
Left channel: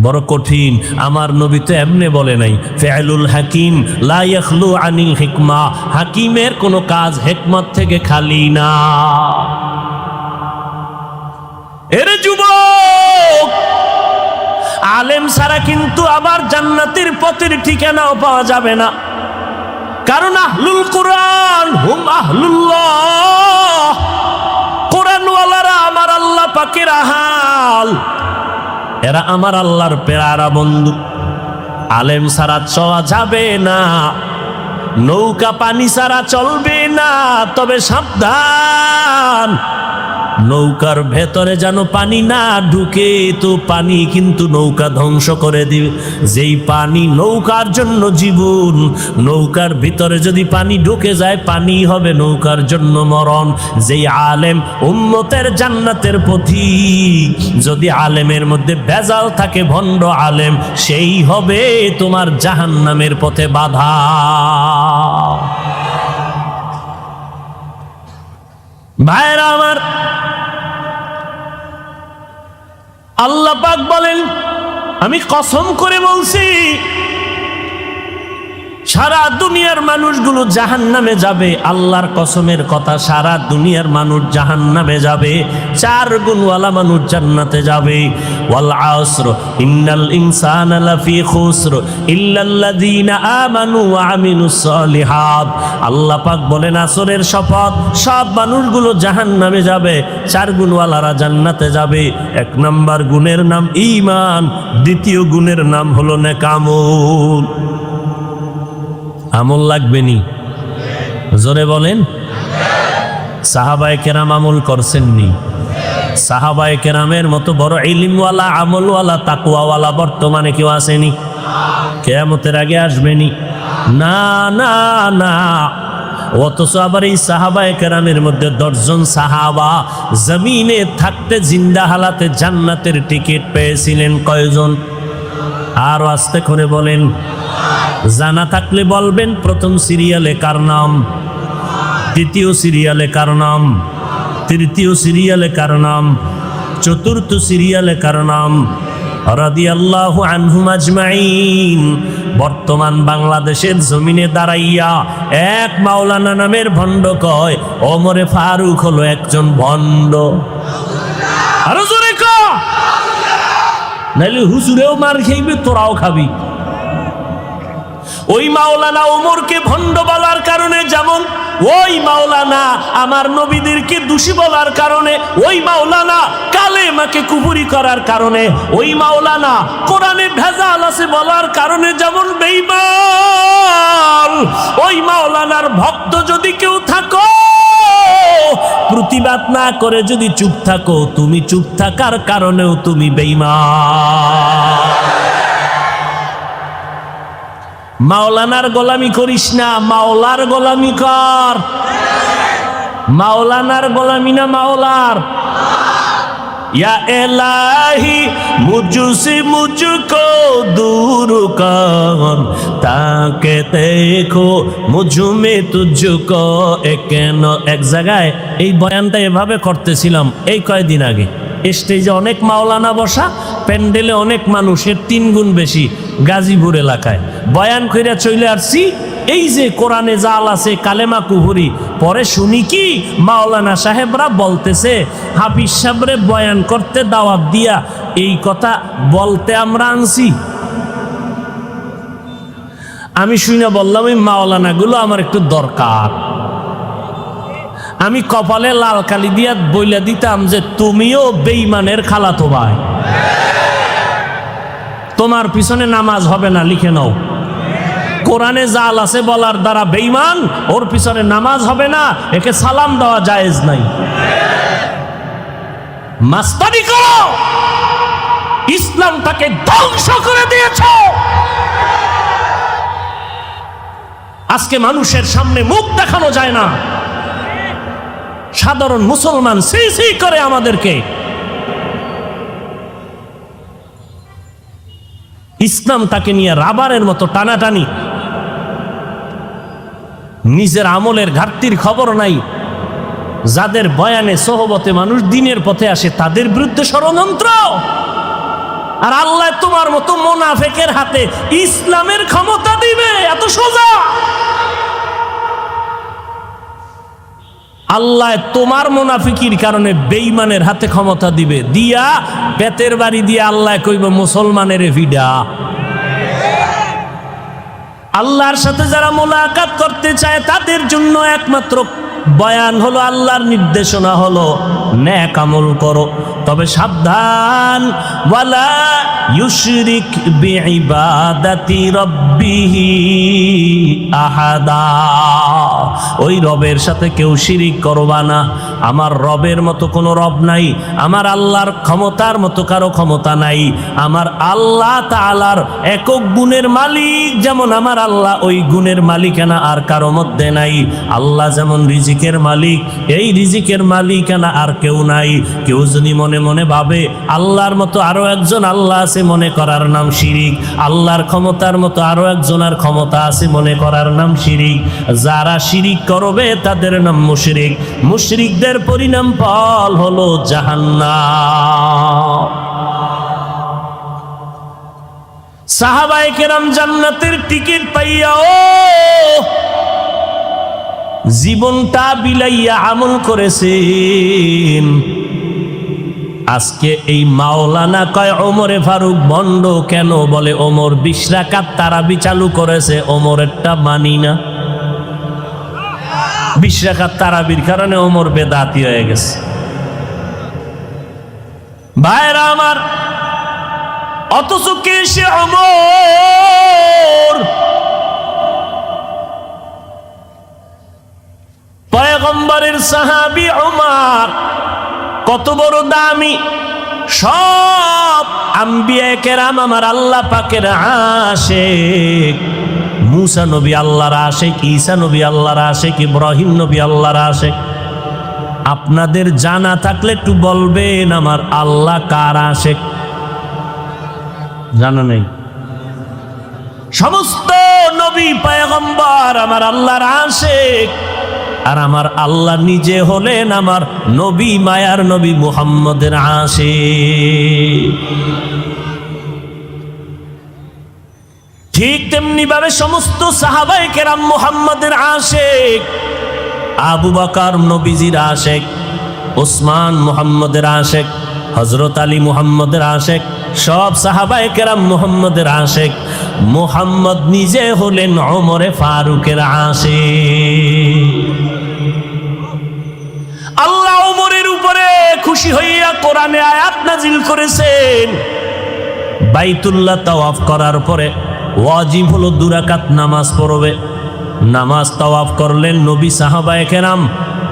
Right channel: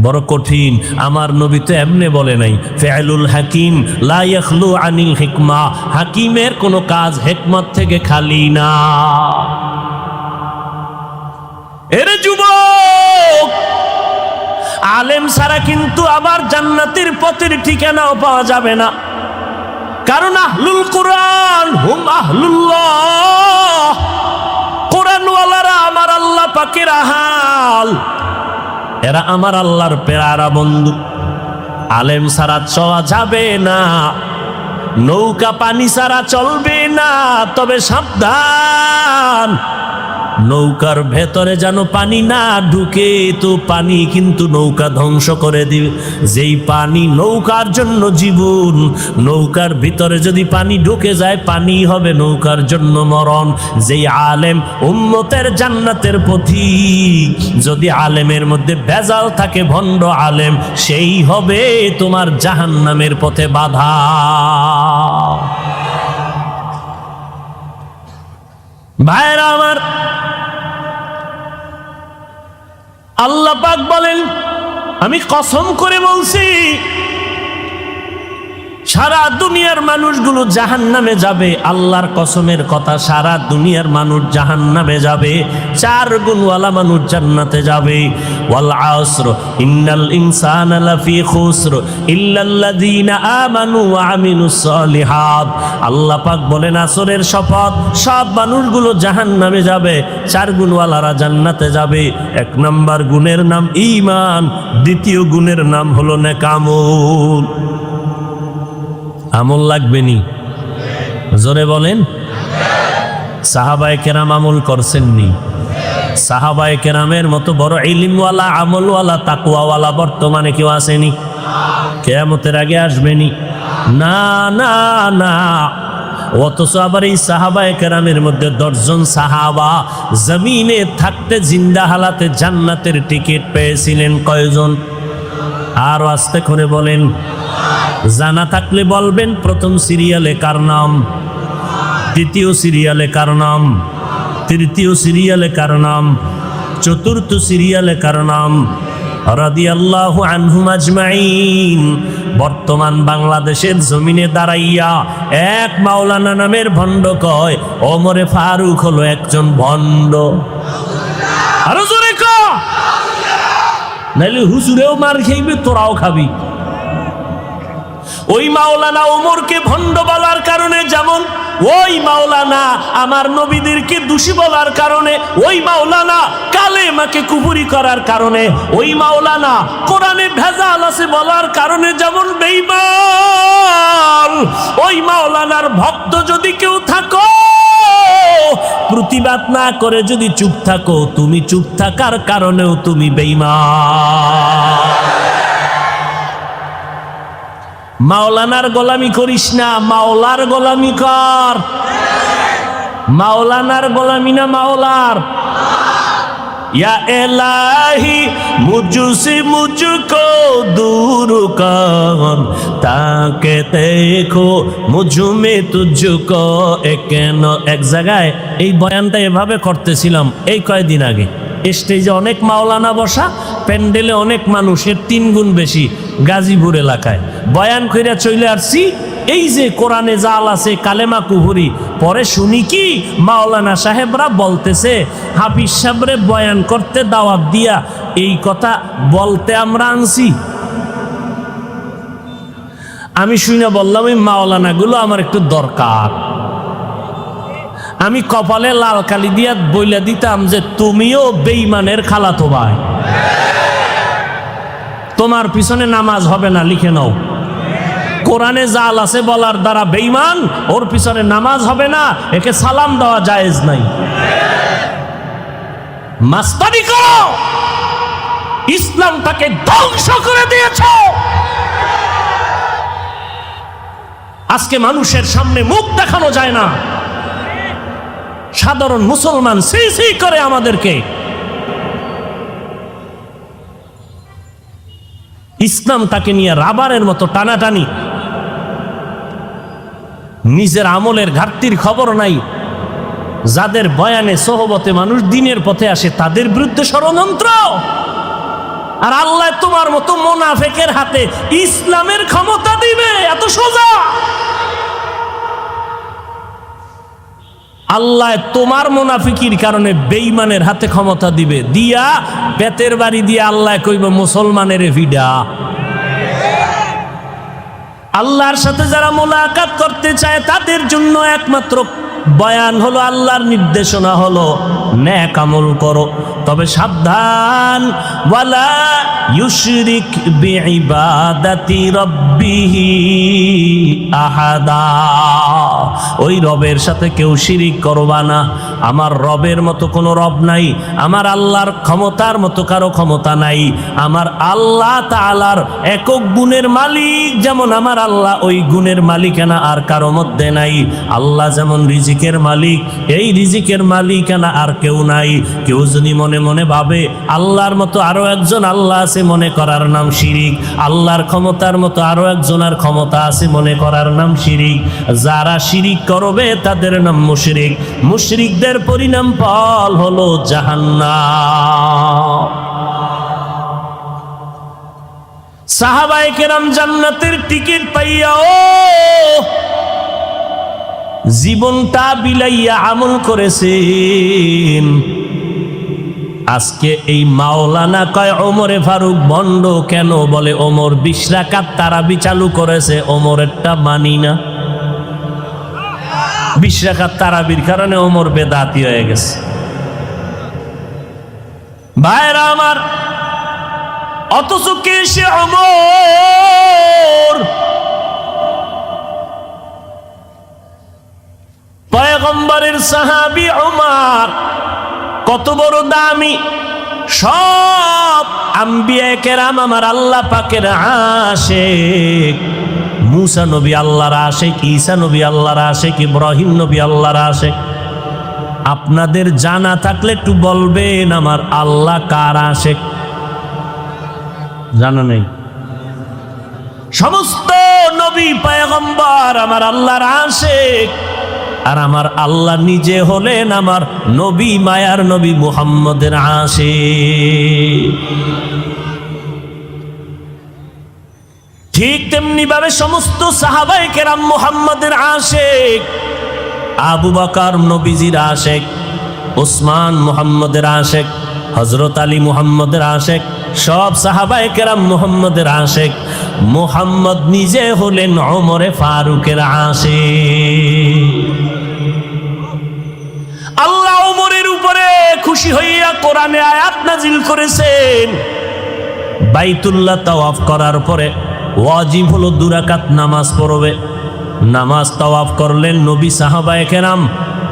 বড় কঠিন। আমার নবী তো এমনি বলে নাই, ফিআলুল হাকিম লা ইয়াখলু আনিল হিকমা, হাকিমের কোনো কাজ হিকমত থেকে খালি না। এর যুবক, আলেম ছাড়া কিন্তু আবার জান্নাতের পথের ঠিকানাও পাওয়া যাবে না। কারণ আহলুল কুরআন হুম আহলুল্লাহ, কুরআনওয়ালারা আমার আল্লাহ পাকের আহল, এরা আমার আল্লাহর পেয়ারা বন্ধু। আলেম ছাড়া চলা যাবে না, নৌকা পানি ছাড়া চলবে না। তবে সাবধান, নৌকার ভেতরে যেন পানি না ঢুকে, তো পানি কিন্তু নৌকা ধ্বংস করে দিবে। যেই পানি নৌকার জন্য জীবন, নৌকার ভিতরে যদি পানি ঢুকে যায়, পানি হবে নৌকার জন্য মরণ। যেই আলেম উম্মতের জান্নাতের পথিক, যদি আলেমের মধ্যে ভেজাল থাকে, ভণ্ড আলেম, সেই হবে তোমার জাহান্নামের পথে বাধা। ভাইরা আমার, আল্লাহ পাক বলেন, আমি কসম করে বলছি, সারা দুনিয়ার মানুষগুলো জাহান্নামে যাবে। আল্লাহর কসমের কথা, সারা দুনিয়ার মানুষ জাহান্নামে যাবে, 4 গুণওয়ালা মানুষ জান্নাতে যাবে। ওয়াল আসর ইন্নাল ইনসানা লাফি খুসর ইল্লাল্লাযীনা আমানু ওয়া আমিলুস সালিহাত। আল্লাহ পাক বলেন, আসরের শপথ, সব মানুষগুলো জাহান্নামে যাবে, 4 গুণওয়ালারা জান্নাতে যাবে। 1 নাম্বার গুণের নাম ঈমান, দ্বিতীয় গুণের নাম হলো নেকামল। আমল লাগবে নি? জোরে বলেন। সাহাবায়ে কেরাম আমল করছেননি? সাহাবায়ে কেরামের মতো বড় ইলমওয়ালা, আমলওয়ালা, তাকওয়াওয়ালা বর্তমানে কেউ আসেনি? কিয়ামতের আগে আসবেনি? না না না। অথচ আবার এই সাহাবায়ে কেরামের মধ্যে 10 জন সাহাবা জমিনে থাকতে জিন্দা হালাতে জান্নাতের টিকিট পেয়েছিলেন। কয়জন? আর আস্তে করে বলেন, জানা থাকলে বলবেন। প্রথম সিরিয়ালে কার নাম? দ্বিতীয় সিরিয়ালে কার নাম? তৃতীয় সিরিয়ালে কার নাম? চতুর্থ সিরিয়ালে কার নাম? রাদিয়াল্লাহু আনহুম আজমাইন। বর্তমান বাংলাদেশের জমিনে দাঁড়াইয়া এক মাওলানা নামের ভণ্ড কয়, ওমরে ফারুক হলো একজন ভণ্ড। আরো জোরে কও, নাহলে হুজুরেও মার খাইবে, তোরাও খাবি। ওই মাওলানা ওমরকে ভণ্ড বলার কারণে, যেমন ওই মাওলানা আমার নবীদেরকে দোষী বলার কারণে, ওই মাওলানা কালেমাকে কুফরি করার কারণে, ওই মাওলানা কোরআনে ভেজাল আছে বলার কারণে যেমন বেঈমান, ওই মাওলানার ভক্ত যদি কেউ থাকো, প্রতিবাদ না করে যদি চুপ থাকো, তুমি চুপ থাকার কারণেও তুমি বেঈমান। মাওলানার গোলামি করিস না, মাওলার গোলামি কর। মাওলানার গোলামি না মাওলার। या इलाही मुझसे मुझको दूर कर ताकि देखो मुझ में तुझको। এক জায়গায় এই বয়ানটা এভাবে করতেছিলাম এই কয়েকদিন আগে। স্টেজে অনেক মাওলানা বসা, প্যান্ডেলে অনেক মানুষের 3 গুণ বেশি। গাজীপুর এলাকায় বয়ান করে চলে আসছি। এই যে কোরআনে জাল আছে, কালেমা কুফরি, পরে শুনি কি মাওলানা সাহেবরা বলতেছে হাফিজ সাহেবরে বয়ান করতে দাওয়াত দিয়া এই কথা বলতে আমরা আনছি। আমি শুনে বললাম এই মাওলানা গুলো আমার একটু দরকার। আমি কপালে লাল কালি দিয়া বইলা দিতাম যে তুমিও বেঈমানের খালাতো ভাই। তোমার পিছনে নামাজ হবে না, লিখে নাও। কোরআনে জাল আছে বলার দ্বারা বেঈমান, ওর পিছনে নামাজ হবে না, একে সালাম দেওয়া জায়েজ নাই। মাস্তানি করো, ইসলামটাকে ধ্বংস করে দিয়েছে। আজকে মানুষের সামনে মুখ দেখানো যায় না, সাধারণ মুসলমান সেই সেই করে আমাদেরকে। ইসলামটাকে নিয়ে রাবারের মতো টানাটানি, নিজের আমলের ঘাটতির খবর নাই। যাদের বয়ানে সোহবতে মানুষ দিনের পথে আসে তাদের বিরুদ্ধে ষড়যন্ত্র। আর আল্লাহ তোমার মতো মুনাফিকের হাতে ইসলামের ক্ষমতা দিবে, এত সোজা। আল্লাহ তোমার মুনাফিকির কারণে বেঈমানের হাতে ক্ষমতা দিবে, দিয়া পেটের বাড়ি দিয়ে আল্লাহ কইব মুসলমানের ভিডা। আল্লাহর সাথে যারা মুলাকাত করতে চায় তাদের জন্য একমাত্র বয়ান হলো, আল্লাহর নির্দেশনা হলো নেক আমল করো, তবে সাবধান, ওয়ালা ইউশরিক বিইবাদাতি রাব্বিহি আহাদা। ওই রবের সাথে কেউ শিরিক করবা না। আমার রবের মতো কোনো রব নাই, আমার আল্লাহর ক্ষমতার মতো কারো ক্ষমতা নাই। আমার আল্লাহ তাআলার একক গুণের মালিক যেমন আমার আল্লাহ, ওই গুণের মালিকানা আর কারো মধ্যে নাই। আল্লাহ যেমন রিজিকের মালিক, এই রিজিকের মালিকানা আর কেউ নাই। কেউ যদি মনে মনে ভাবে আল্লাহর মতো আরো একজন আল্লাহ আছে, মনে করার নাম শিরিক। আল্লাহর ক্ষমতার মতো আরো একজনের ক্ষমতা আছে, মনে করার নাম শিরিক। যারা শিরিক করবে তাদের নাম মুশরিক। মুশরিকদের পরিণাম ফল হলো জাহান্নাম। সাহাবায়ে কেরাম জান্নাতের টিকিট পাইয়াও জীবনটা বিলাইয়া আমল করেছেন। আজকে এই মাওলানা কয় ওমরে ফারুক বন্ড কেন? বলে ওমর 20 রাকাত তারাবি চালু করেছে, ওমরেরটা মানি না। 20 রাকাত তারাবির কারণে ওমর বেদাতি হয়ে গেছে। ভাইরা আমার, অথচ কে সে ওমর? পয়গম্বরের সাহাবী ওমর, কত বড় দামি। সব আম্বিয়া কেরাম আমার আল্লাহ পাকের আশিক। মুসা নবী আল্লাহর আশিক, ঈসা নবী আল্লাহর আশিক, ইব্রাহিম নবী আল্লাহর আশিক। আপনাদের জানা থাকলে একটু বলবেন আমার আল্লাহ কার আশিক? জানা নেই? সমস্ত নবী পয়গম্বর আমার আল্লাহর আশিক। আর আমার আল্লাহ নিজে হলেন আমার নবী, মায়ার নবী মুহাম্মদের আশিক। ঠিক তেমনি ভাবে সমস্ত সাহাবায়ে কেরাম মুহাম্মদের আশিক। আবু বকর নবীজির আশিক, ওসমান মুহাম্মদের আশিক, হযরত আলী মুহাম্মদের আশিক, সব সাহাবায়ে কেরাম মুহাম্মদের আশিক। মুহাম্মদ নিজে হলেন ওমরে ফারুকের আশিক। আল্লাহ ওমরের উপরে খুশি হইয়া কোরআনে আয়াত নাযিল করেছেন। বাইতুল্লাহ তাওয়াফ করার পরে ওয়াজিব হলো 2 রাকাত নামাজ পড়বে। নামাজ তাওয়াফ করলেন নবী, সাহাবায়ে কেরাম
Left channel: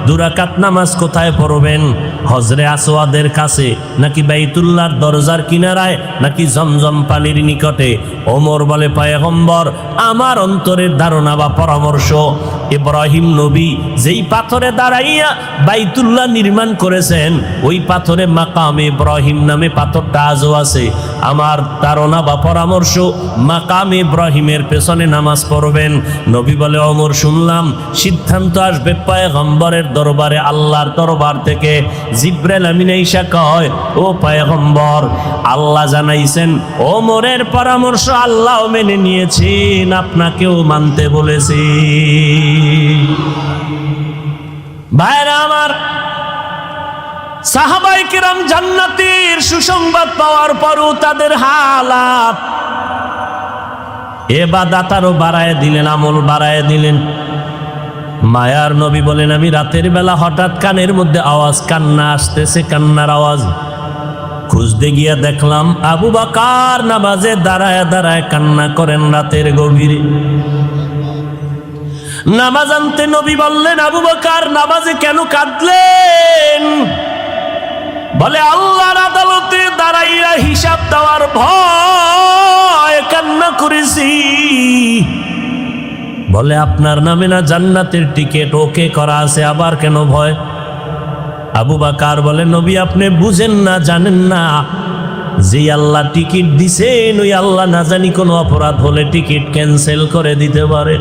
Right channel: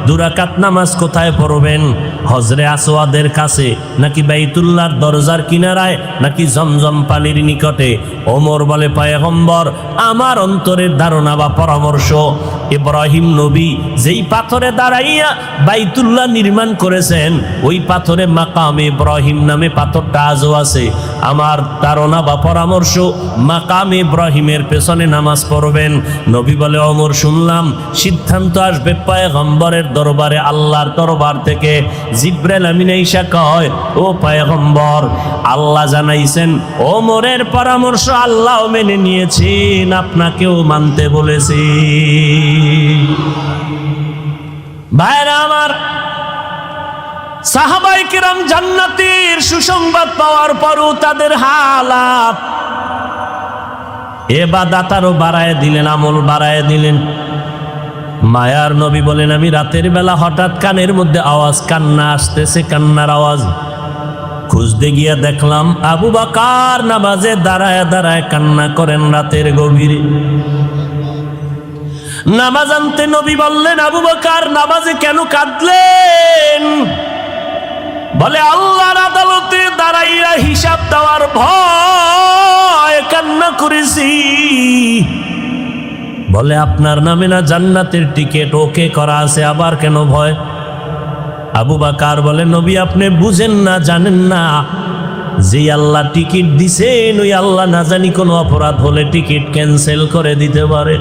2 রাকাত নামাজ কোথায় পড়বেন? হজরে আসওয়াদের কাছে, নাকি বাইতুল্লাহর দরজার কিনারায়, নাকি জমজম পানির নিকটে? ওমর বলে পয়গম্বর আমার অন্তরের ধারণা বা পরামর্শ, ইব্রাহিম নবী যেই পাথরে দাঁড়াইয়া বাইতুল্লাহ নির্মাণ করেছেন, ওই পাথরে মাকামে ইব্রাহিম নামে পাথরটা আজও আছে। আমার ধারণা বা পরামর্শ মাকামে ইব্রাহিমের পেছনে নামাজ পড়বেন। নবী বলে ওমর শুনলাম সিদ্ধান্ত আসবে পয়গম্বরের দরবারে, আল্লাহর দরবার থেকে। জিবরাইল আমিন আইসা কয়, ও পয়গম্বর, আল্লাহ জানাইছেন ওমরের পরামর্শ আল্লাহ মেনে নিয়েছেন, আপনাকেও মানতে বলেছে। ভাইরা আমার, সাহাবায়ে কেরাম জান্নাতের সুসংবাদ পাওয়ার পরও তাদের হালাত, ইবাদত আরো বাড়ায় দিলেন, আমল বাড়ায় দিলেন। মায়ার নবী বলেন আমি রাতের বেলা হঠাৎ কানের মধ্যে আওয়াজ, কান্না আসতেছে, কান্নার আওয়াজ। খুঁজতে গিয়া দেখলাম আবু বকর নামাজে দাঁড়ায় দাঁড়ায় কান্না করেন রাতের গভীরে। নামাজ আনতে নবী বললেন, আবু বকর নামাজে কেন কাঁদলেন? বলে, আল্লাহর আদালতে দাঁড়াইয়া হিসাব দেওয়ার ভয় কান্না করেছি। বলে, আপনার নামে না জান্নাতের টিকিট ওকে করা আছে, আবার কেন ভয়? আবু বকর বলে, নবী আপনি বুঝেন না, জানেন না, যে আল্লাহ টিকিট দিছেন ওই আল্লাহ না জানি কোন অপরাধ হলে টিকিট ক্যান্সেল করে দিতে পারে।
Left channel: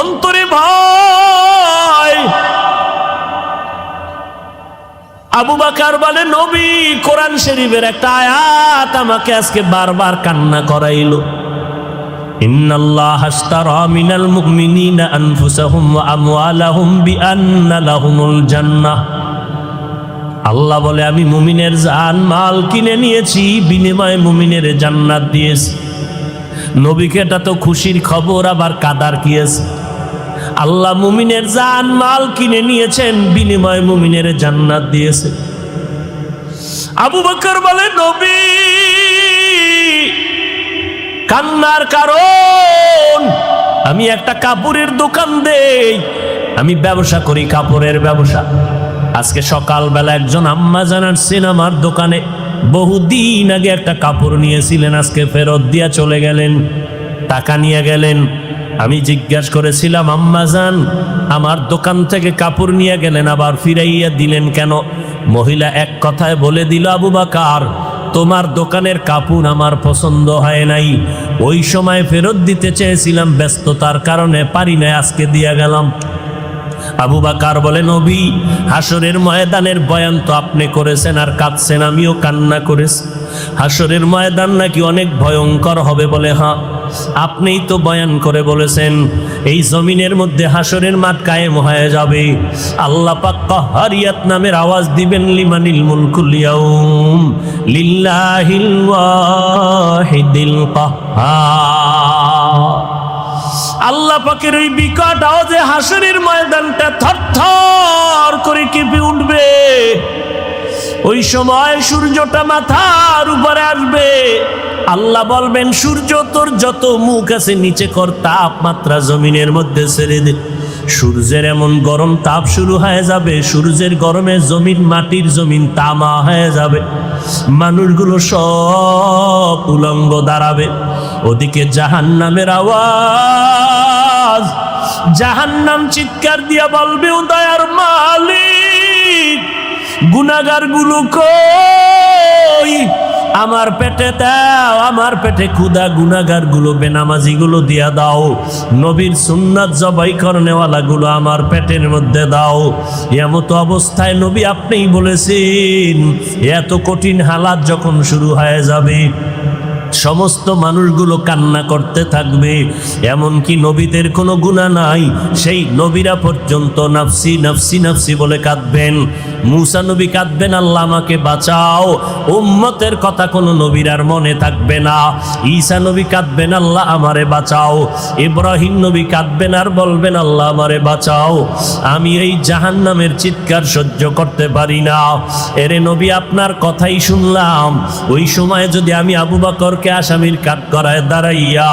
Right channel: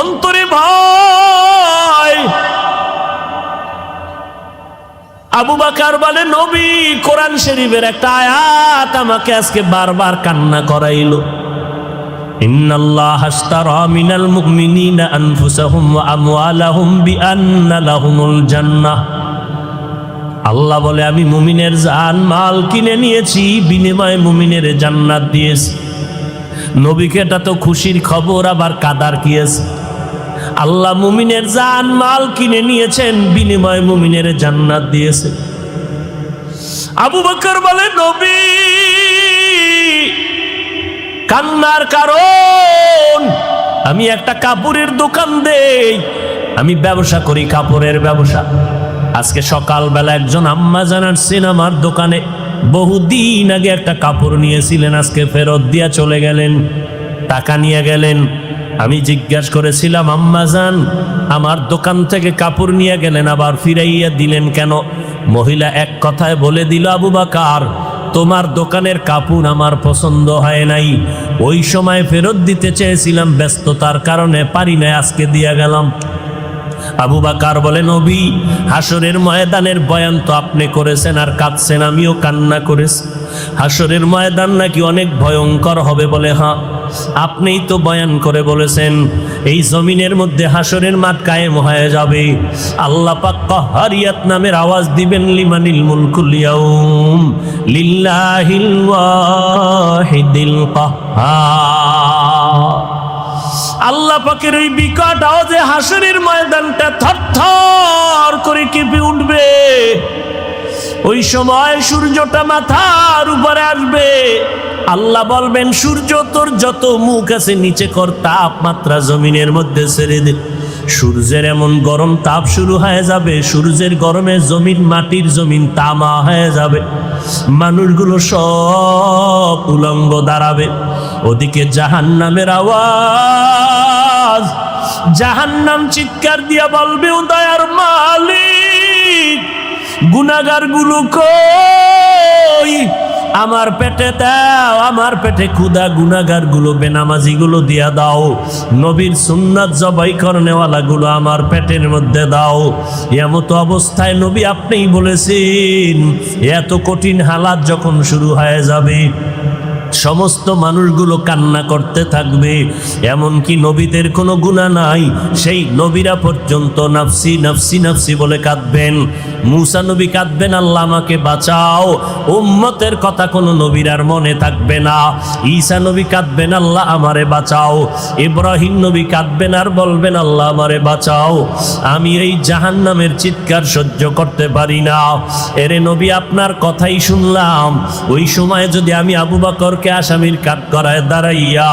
অন্তরে ভয়। আবু বকর বলে, নবী কোরআন শরীফের একটা আয়াত আমাকে আজকে বারবার কান্না করাইলো। ইন্নাল্লাহা আশতারা মিনাল মুমিনিনা আনফুসাহুম ওয়া আমওয়ালাহুম বিআন্না লাহুমুল জান্নাহ। আল্লাহ বলে, আমি মুমিনের জান মাল কিনে নিয়েছি, বিনিময়ে মুমিনের জান্নাত দিয়েছি। নবীকে এটা তো খুশির খবর, আবার কাদার কি আছে? আল্লাহ মুমিনের জান মাল কিনে নিয়েছেন, বিনিময়ে মুমিনের জান্নাত দিয়েছে। আবু বকর বলে, নবী কান্নার কারণ, আমি একটা কাপড়ের দোকান দেই, আমি ব্যবসা করি, কাপড়ের ব্যবসা। আজকে সকালবেলা একজন আম্মা জানার সিনেমার দোকানে বহুদিন আগে একটা কাপড় নিয়েছিলেন, আজকে ফেরত দিয়া চলে গেলেন, টাকা নিয়ে গেলেন। আমি জিজ্ঞেস করেছিলাম, আম্মা জান আমার দোকান থেকে কাপড় নিয়ে গেলেন, আবার ফিরাইয়া দিলেন কেন? মহিলা এক কথায় বলে দিল, আবু বকর তোমার দোকানের কাপড় আমার পছন্দ হয় নাই, ওই সময় ফেরত দিতে চেয়েছিলাম, ব্যস্ততার কারণে পারি নাই, আজকে দিয়া গেলাম। আবু বকর বলে, নবী হাসরের ময়দানের বয়ান তো আপনি করেছেন আর কাঁদছেন, আমিও কান্না করেছি। হাসরের ময়দান নাকি অনেক ভয়ঙ্কর হবে। বলে, হ্যাঁ আপনিই তো বয়ান করে বলেছেন এই জমিনের মধ্যে হাসরের মাঠ কায়েম হয়ে যাবে, আল্লাহ পাক কাহ্হারিয়াত নামের আওয়াজ দিবেন, লিমানিল মুলকুল ইয়াউম লিল্লাহিল ওয়াহিদিল কাহ্হার। আল্লাহ পাকের এই বিকট আওয়াজে হাসরের ময়দানটা থরথর করে কেঁপে উঠবে। ওই সময় সূর্যটা মাথার উপরে আসবে, আল্লাহ বলবেন, সূর্য তোর যত মুখ আছে নিচে কর, তাপমাত্রা জমিনের মধ্যে ছেড়ে দে। সূর্যের এমন গরম তাপ শুরু হয়ে যাবে, সূর্যের গরমে জমিন, মাটির জমিন তামা হয়ে যাবে, মানুষগুলো সব উলঙ্গ দাঁড়াবে। ওদিকে জাহান্নামের আওয়াজ, জাহান্নাম চিৎকার দিয়া বলবে, ও দয়ার মালিক গুনাহগার গুলো কই, আমার পেটে দাও, আমার পেটে ক্ষুধা, গুনাহগার গুলো বেনামাজি গুলো দিয়া দাও, নবীর সুন্নাত জবাই করনেওয়ালা গুলো আমার পেটের মধ্যে দাও। এমতো অবস্থায় নবী আপনিই বলেছেন, এত কঠিন হালাত যখন শুরু হয়ে যাবে, সমস্ত মানুষগুলো কান্না করতে থাকবে, এমনকি নবীদের কোনো গুনাহ নাই, সেই নবীরা পর্যন্ত নাফসি নাফসি নাফসি বলে কাঁদবেন। মুসা নবী কাঁদবেন, আল্লাহ আমাকে বাঁচাও, উম্মতের কথা কোনো নবীর আর মনে থাকবে না। ঈসা নবী কাঁদবেন, আল্লাহ আমারে বাঁচাও। ইব্রাহিম নবী কাঁদবেন আর বলবেন, আল্লাহ আমারে বাঁচাও, আমি এই জাহান্নামের চিৎকার সহ্য করতে পারি না। এরে নবী আপনার কথাই শুনলাম, ওই সময় যদি আমি আবু বকরকে আসামির কাঠ করায় দাঁড়াইয়া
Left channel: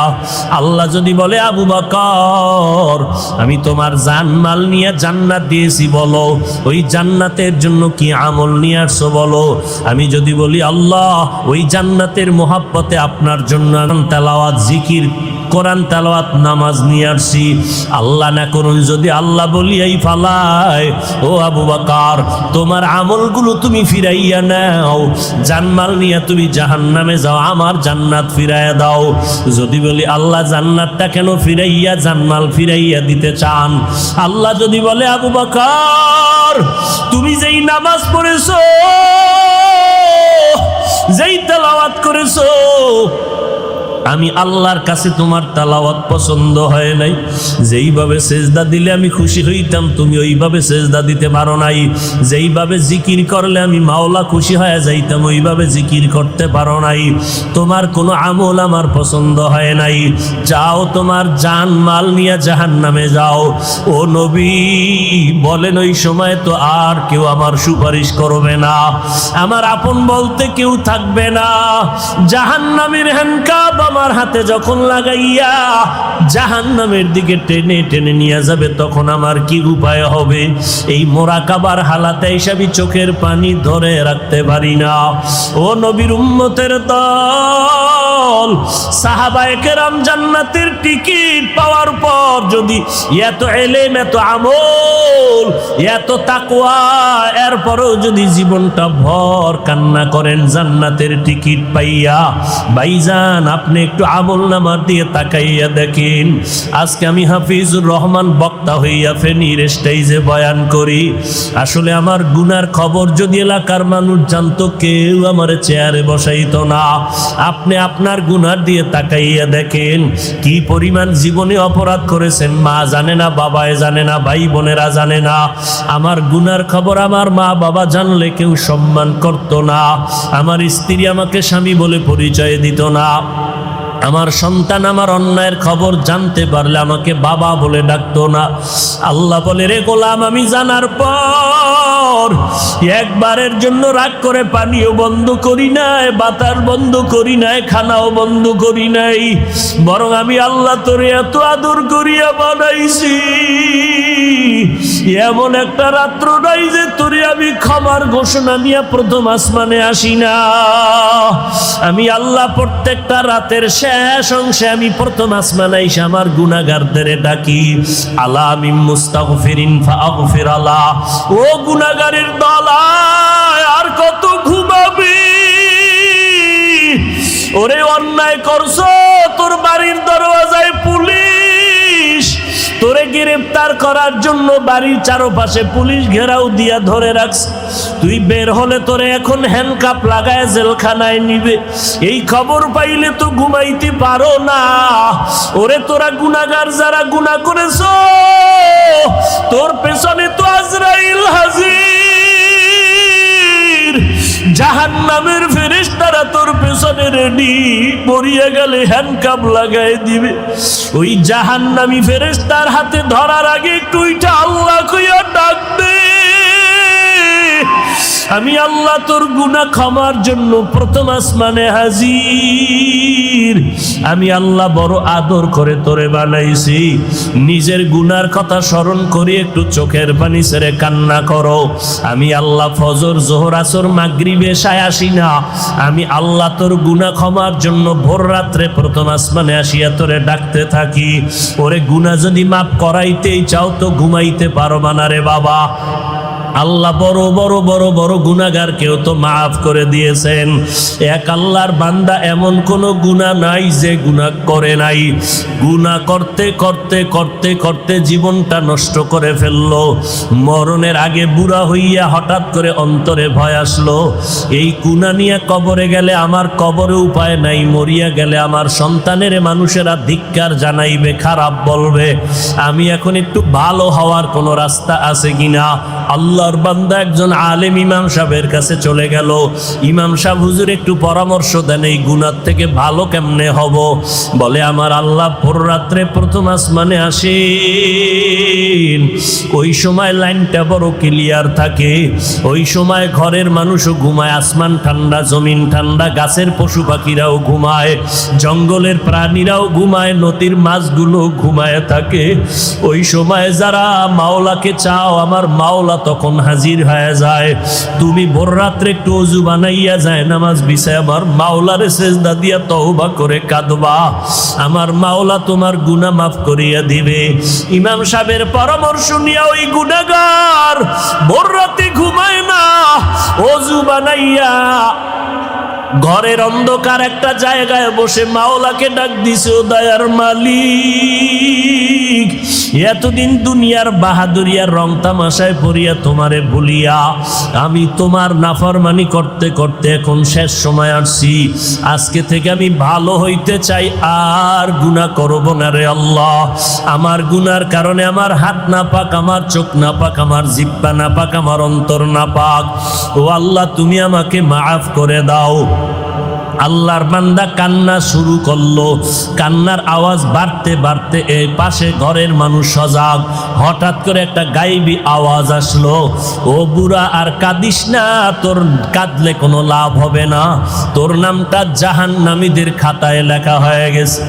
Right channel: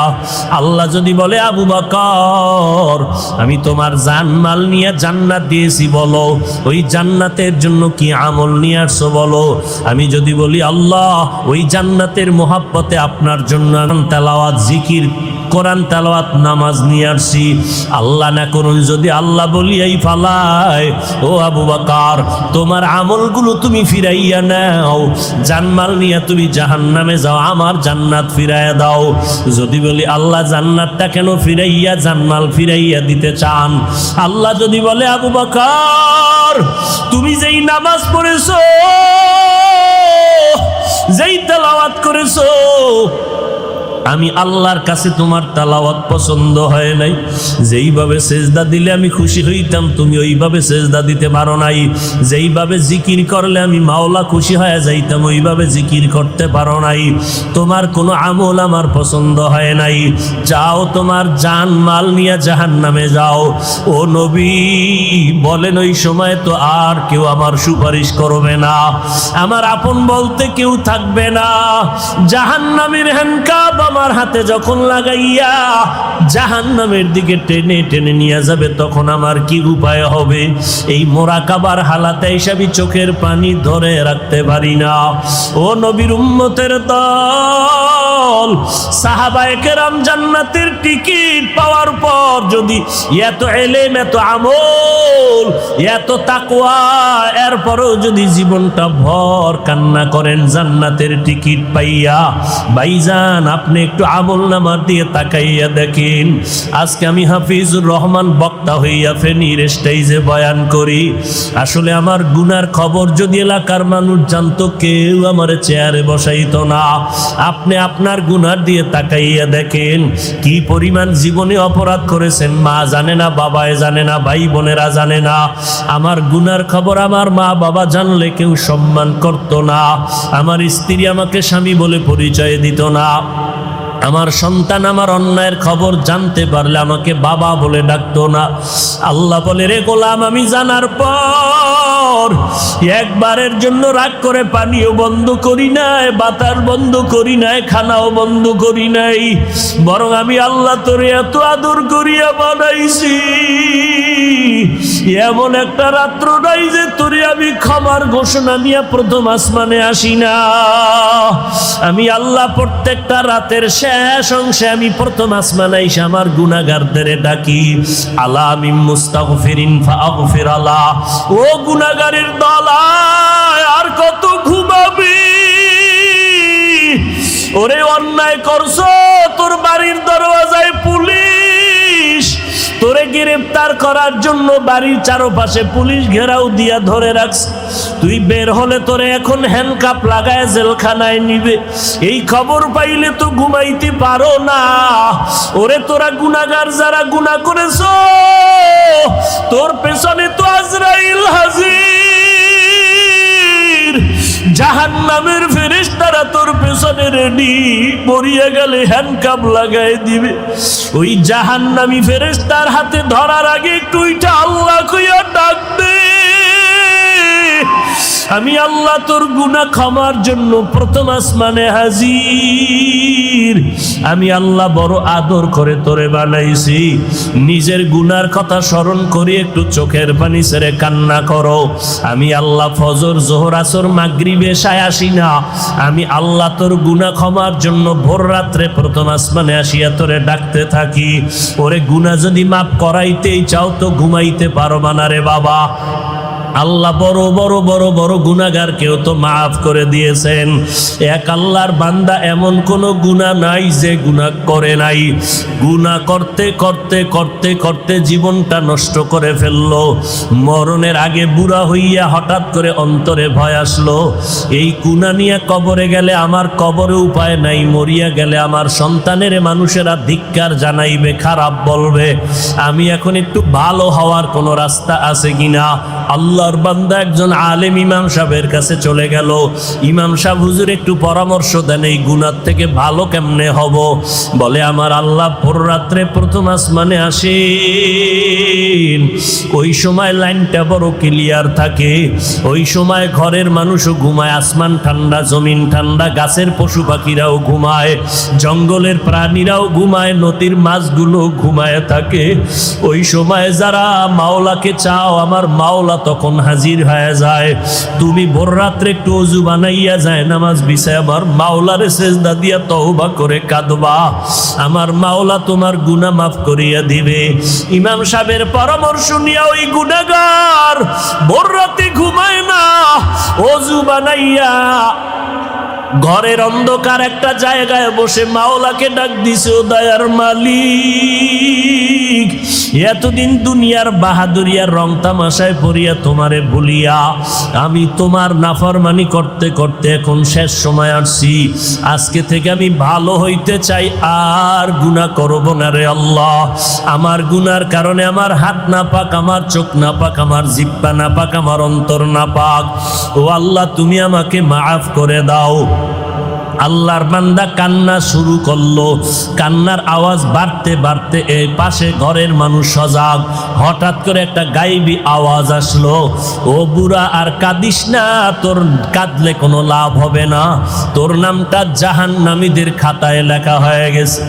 আল্লাহ যদি বলে, আবু বকর আমি তোমার জানমাল নিয়ে জান্নাত দিয়েছি, বলো ওই জান্নাতের জন্য কি আমল নিয়ে আসছো বলো। আমি যদি বলি, আল্লাহ ওই জান্নাতের মোহাব্বতে আপনার জন্য তেলাওয়াত, জিকির, কোরআন তেলাওয়াত, নামাজ নিয়ে আসছি, আল্লাহ না করুন যদি আল্লাহ বলিয়াই ফালায়, ও আবু বকর তোমার আমলগুলো তুমি ফিরাইয়া নাও, জানমাল নিয়ে তুমি জাহান্নামে যাও, আমার জান্নাত ফিরাইয়া দাও। যদি বলি, আল্লাহ জান্নাতটা কেন ফিরাইয়া, জানমাল ফিরাইয়া দিতে চান, আল্লাহ যদি বলে, আবু বকর তুমি যেই নামাজ পড়েছো, যেই তেলাওয়াত করেছো, আমি আল্লাহর কাছে তোমার তেলাওয়াত পছন্দ হয় নাই, যেইভাবে সেজদা দিলে আমি খুশি হইতাম তুমি ওইভাবে সেজদা দিতে পারো নাই, যেইভাবে জিকির করলে আমি মাওলা খুশি হয়ে যাইতাম ওইভাবে জিকির করতে পারো নাই, তোমার কোনো আমল আমার পছন্দ হয় নাই, যাও তোমার জান মাল নিয়ে জাহান্নামে যাও। ও নবী বলেন ওই সময় তো আর কেউ আমার সুপারিশ করবে না, আমার আপন বলতে কেউ থাকবে না। জাহান্নামের হ্যান্ডকাপ আমার হাতে যখন লাগাইয়া জাহান্নামের দিকে টেনে টেনে নিয়ে যাবে তখন আমার কি উপায় হবে? এই মোরাকাবার হালাতে হিসাবে চোখের পানি ধরে রাখতে পারি না। ও নবীর উম্মতের দল, সাহাবায়ে কেরাম জান্নাতের টিকিট পাওয়ার পর যদি এত এলেম, এত আমল, এত তাকওয়া, এরপরও যদি জীবনটা ভর কান্না করেন জান্নাতের টিকিট পাইয়া, ভাইজান আপনি একটু আমল নামার দিয়ে তাকাইয়া দেখেন। আজকে আমি হাফিজুর রহমান বক্তা হইয়া ফেনীর স্টেজে বয়ান করি, আসলে আমার গুনার খবর যদি এলাকার মানুষ জানতো কেউ আমার চেয়ারে বসাইতো না। আপনি আপনার গুনার দিয়ে তাকাইয়া দেখেন কি পরিমাণ জীবনে অপরাধ করেছেন, মা জানে না, বাবায় জানে না, ভাই বোনেরা জানে না। আমার গুনার খবর আমার মা বাবা জানলে কেউ সম্মান করতো না, আমার স্ত্রী আমাকে স্বামী বলে পরিচয় দিত না, আমার সন্তান আমার অন্যায়ের খবর জানতে পারলে আমাকে বাবা বলে ডাকতো না। আল্লাহ বলে রে গোলাম, আমি জানার পর একবারের জন্য রাগ করে পানিও বন্ধ করি নাই, বাতাস বন্ধ করি নাই, খানাও বন্ধ করি নাই, বরং আমি আল্লাহ তোরে এত আদর করিয়া বানাইছি, এমন একটা রাত্র নাই যে তোরে আমি ক্ষমার ঘোষণা নিয়ে প্রথম আসমানে আসি না। আমি আল্লাহ প্রত্যেকটা রাতের শেষ অংশে আমি প্রথম আসমানে এসে আমার গুনাহগারদের ডাকি, আলা বিল মুস্তাগফিরিন ফাগফির আলা। ও গুনাহগারের দল, আর কত ঘুমাবে? ওরে অন্যায় করছো, তোর বাড়ির দরওয়াজায় পুলিশ, তোরে গ্রেফতার করার জন্য বাড়ির চারপাশে পুলিশ ঘেরাও দিয়া ধরে রাখছে, তুই বের হলে তোরে এখন হ্যান্ডকাপ লাগায় জেলখানায় নিবে। এই খবর পাইলে তো ঘুমাইতে পারো না। ওরে তোরা গুনাহগার যারা গুনাহ করেছো, তোর পেছনে তো আজরাইল হাজির, জাহান্নামের ফেরেশতারা তোর পেছনে রেডি, মরিয়া গেলে হ্যান্ডকাপ লাগাই দিবে। ওই জাহান্নামী ফেরেশতার হাতে ধরার আগে একটু উইটা আল্লাহ কইয়া ডাক দে, আমি আল্লাহ তোর গুনাহ ক্ষমার জন্য প্রথম আসমানে হাজির। আমি আল্লাহ বড় আদর করে তোরে বানাইছি, নিজের গুনার কথা স্মরণ করে একটু চোখের পানি ছেড়ে কান্না করো। আমি আল্লাহ ফজর, যোহর, আসর, মাগরিব, এশা আসি না, আমি আল্লাহ তোর গুনাহ ক্ষমার জন্য ভোর রাত্রে প্রথম আসমানে আসিয়া তোরে ডাকতে থাকি। ওরে গুনাহ যদি মাফ করাইতেই চাও তো ঘুমাইতে পারবা না রে বাবা। আল্লাহ বড় বড় বড় বড় গুনাহগার কেউ তো মাফ করে দিয়েছেন। এক আল্লাহর বান্দা এমন কোন গুনাহ নাই যে গুনাহ করে নাই, গুনাহ করতে করতে করতে করতে জীবনটা নষ্ট করে ফেললো, মরণের আগে বুড়া হইয়া হঠাৎ করে অন্তরে ভয় আসলো, এই গুনাহ নিয়ে কবরে গেলে আমার কবরে উপায় নাই, মরিয়া গেলে আমার সন্তানের মানুষেরা ধিক্কার জানাইবে, খারাপ বলবে, আমি এখন একটু ভালো হওয়ার কোন রাস্তা আছে কিনা। আল্লাহর বান্দা একজন আলেম ইমাম সাহেবের কাছে চলে গেল, ইমাম সাহেব হুজুর একটু পরামর্শ দেন, এই গুনাহ থেকে ভালো কেমনে হব? বলে আমার আল্লাহ ভোর রাত্রে প্রথম আসমানে আসেন, ওই সময় লাইনটা বড় ক্লিয়ার থাকে, ওই সময় ঘরের মানুষও ঘুমায়, আসমান ঠান্ডা, জমিন ঠান্ডা, গাছের পশু পাখিরাও ঘুমায়, জঙ্গলের প্রাণীরাও ঘুমায়, নদীর মাছগুলো ঘুমায় থাকে। ওই সময় যারা মাওলাকে চাও আমার মাওলা তখন হাজির হয়ে যায়। তুমি ভোর রাত্রে একটু ওযু বানাইয়া যায় নামাজ বিছায় আমার মাওলারে সিজদা দিয়া তওবা করে কাঁদবা, আমার মাওলা তোমার গুনাহ মাফ করিয়া দিবে। ইমাম সাহেবের পরামর্শ নিয়ে ওই গুনাহগার ভোর রাতে ঘুমায় না, ওযু বানাইয়া ঘরের অন্ধকার একটা জায়গায় বসে মাওলাকে ডাক দিছে, ও দয়ার মালিক মালিক, এতদিন দুনিয়ার বাহাদুরিয়ার রং তামাশায় পড়িয়া তোমারে ভুলিয়া আমি তোমার নাফরমানি করতে করতে এখন শেষ সময় আসছি। আজকে থেকে আমি ভালো হইতে চাই, আর গুনাহ করব না রে আল্লাহ। আমার গুনার কারণে আমার হাত না পাক, আমার চোখ না পাক, আমার জিহ্বা না পাক, আমার অন্তর না পাক। ও আল্লাহ, তুমি আমাকে মাফ করে দাও। আল্লাহর বান্দা কান্না শুরু করলো। কান্নার আওয়াজ বাড়তে বাড়তে এই পাশে ঘরের মানুষ সজাগ। হঠাৎ করে একটা গায়েবী আওয়াজ আসলো, ও বুড়া আর কাঁদিস না, তোর কাঁদলে কোনো লাভ হবে না, তোর নামটা জাহান্নামীদের খাতায় লেখা হয়ে গেছে।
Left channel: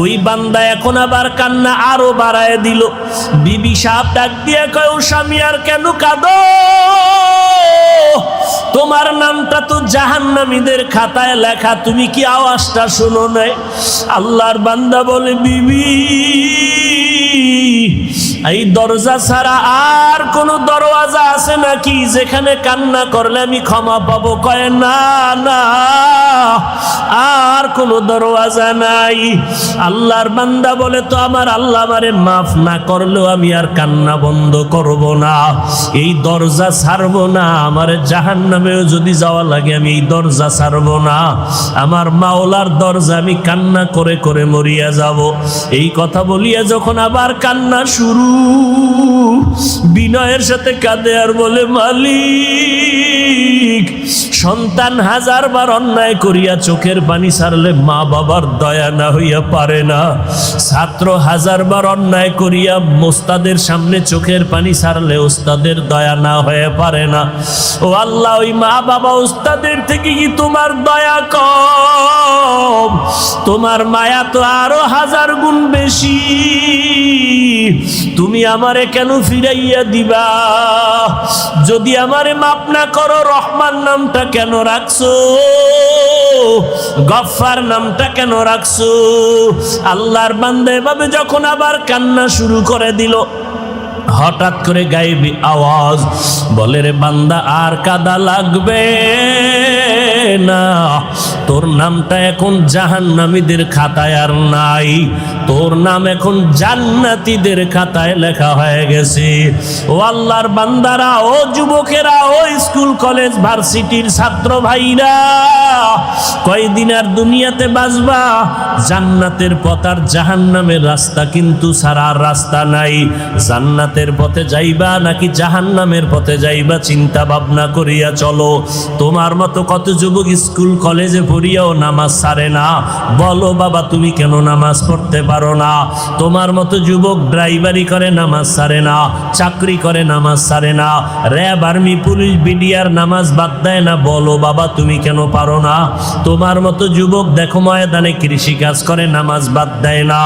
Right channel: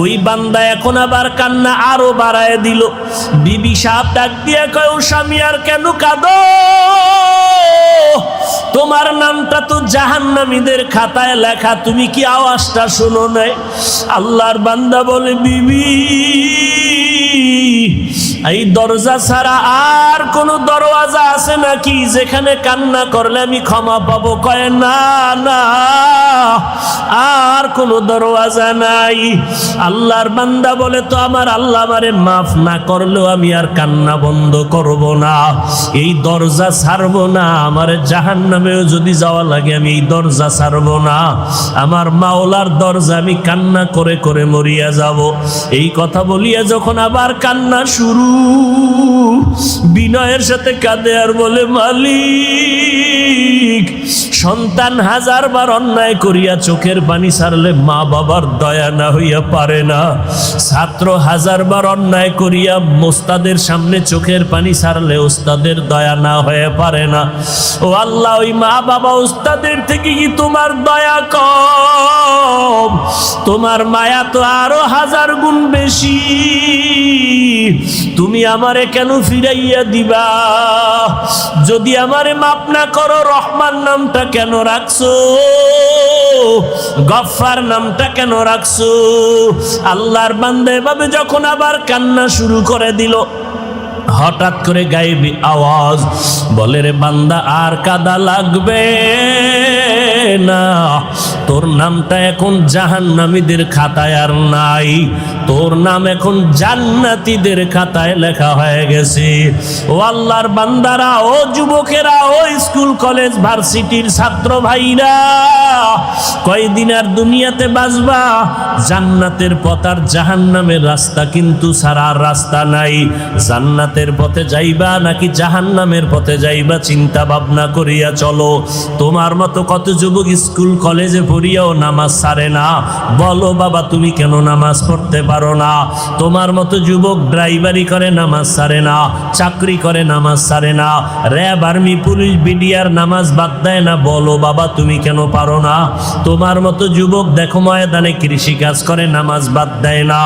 ওই বান্দা এখন আবার কান্না আরো বাড়ায় দিল। বিবি সাহেব ডাক দিয়ে কয়, ও স্বামী আর কেন কাঁদো? তোমার নামটা তো জাহান্নামীদের খাতায় লেখা, তুমি কি আওয়াজটা শুনো নাই? আল্লাহর বান্দা বলে, বিবি এই দরজা ছাড়া আর কোন দরওয়াজা আছে নাকি যেখানে কান্না করলে আমি ক্ষমা পাবো? কয় না না, আর কোন দরওয়াজা নাই। আল্লাহর বান্দা বলে, তো আমার আল্লাহ আমারে মাফ না করলেও আমি আর কান্না বন্ধ করব না, এই দরজা ছাড়বো না। আমার জাহান্নামেও যদি যাওয়া লাগে আমি এই দরজা ছাড়বো না, আমার মাওলার দরজা আমি কান্না করে করে মরিয়া যাব। এই কথা বলিয়া যখন আবার কান্না শুরু, বিনয়ের সাথে কাঁদে আর বলে, মালিক সন্তান হাজারবার অন্যায় করিয়া চোখের পানি ছাড়লে মা বাবার দয়া না হইয়া পারে না, ছাত্র হাজারবার অন্যায় করিয়া ওস্তাদের সামনে চোখের পানি ছাড়লে ওস্তাদের দয়া না হয়ে পারে না। ও আল্লাহ, ওই মা বাবা ওস্তাদের থেকে কি তোমার দয়া কম? তোমার মায়া তো আরো 1000 গুণ বেশি। তুমি আমারে কেন ফিরাইয়া দিবা? যদি আমারে মাফ না করো, রহমান নামটা কেন রাখছো? গফফার নামটা কেন রাখছো? আল্লাহর বান্দা এভাবে যখন আবার কান্না শুরু করে দিল, হঠাৎ করে গায়েবী আওয়াজ বলে, রে বান্দা আর কাদা লাগবে না, তোর নামটা এখন জাহান্নামীদের খাতায় আর নাই, তোর নাম এখন জান্নাতীদের খাতায় লেখা হয়ে গেছে। ও আল্লাহর বান্দারা, ও যুবকেরা, ও স্কুল কলেজ ভার্সিটির ছাত্র ভাইরা, কয়দিন আর দুনিয়াতে বাঁচবা? জান্নাতের পথ আর জাহান্নামের রাস্তা কিন্তু ছাড়ার রাস্তা নাই। জান্নাতের পথে যাইবা নাকি জাহান্নামের পথে যাইবা, চিন্তা ভাবনা করিয়া চলো। তোমার মতো কত যুবক স্কুল কলেজে পড়িয়াও নামাজ ছাড়ে না। বলো বাবা, তুমি কেন নামাজ পড়তে পারো না? তোমার মতো যুবক ড্রাইভারি করে নামাজ ছাড়ে না, চাকরি করে নামাজ ছাড়ে না, র্যাব আর্মি পুলিশ বিডিআর নামাজ বাদ দেয় না। বলো বাবা, তুমি কেন পারো না? তোমার মতো যুবক দেখো ময়দানে কৃষি কাজ করে, নামাজ বাদ দেয় না।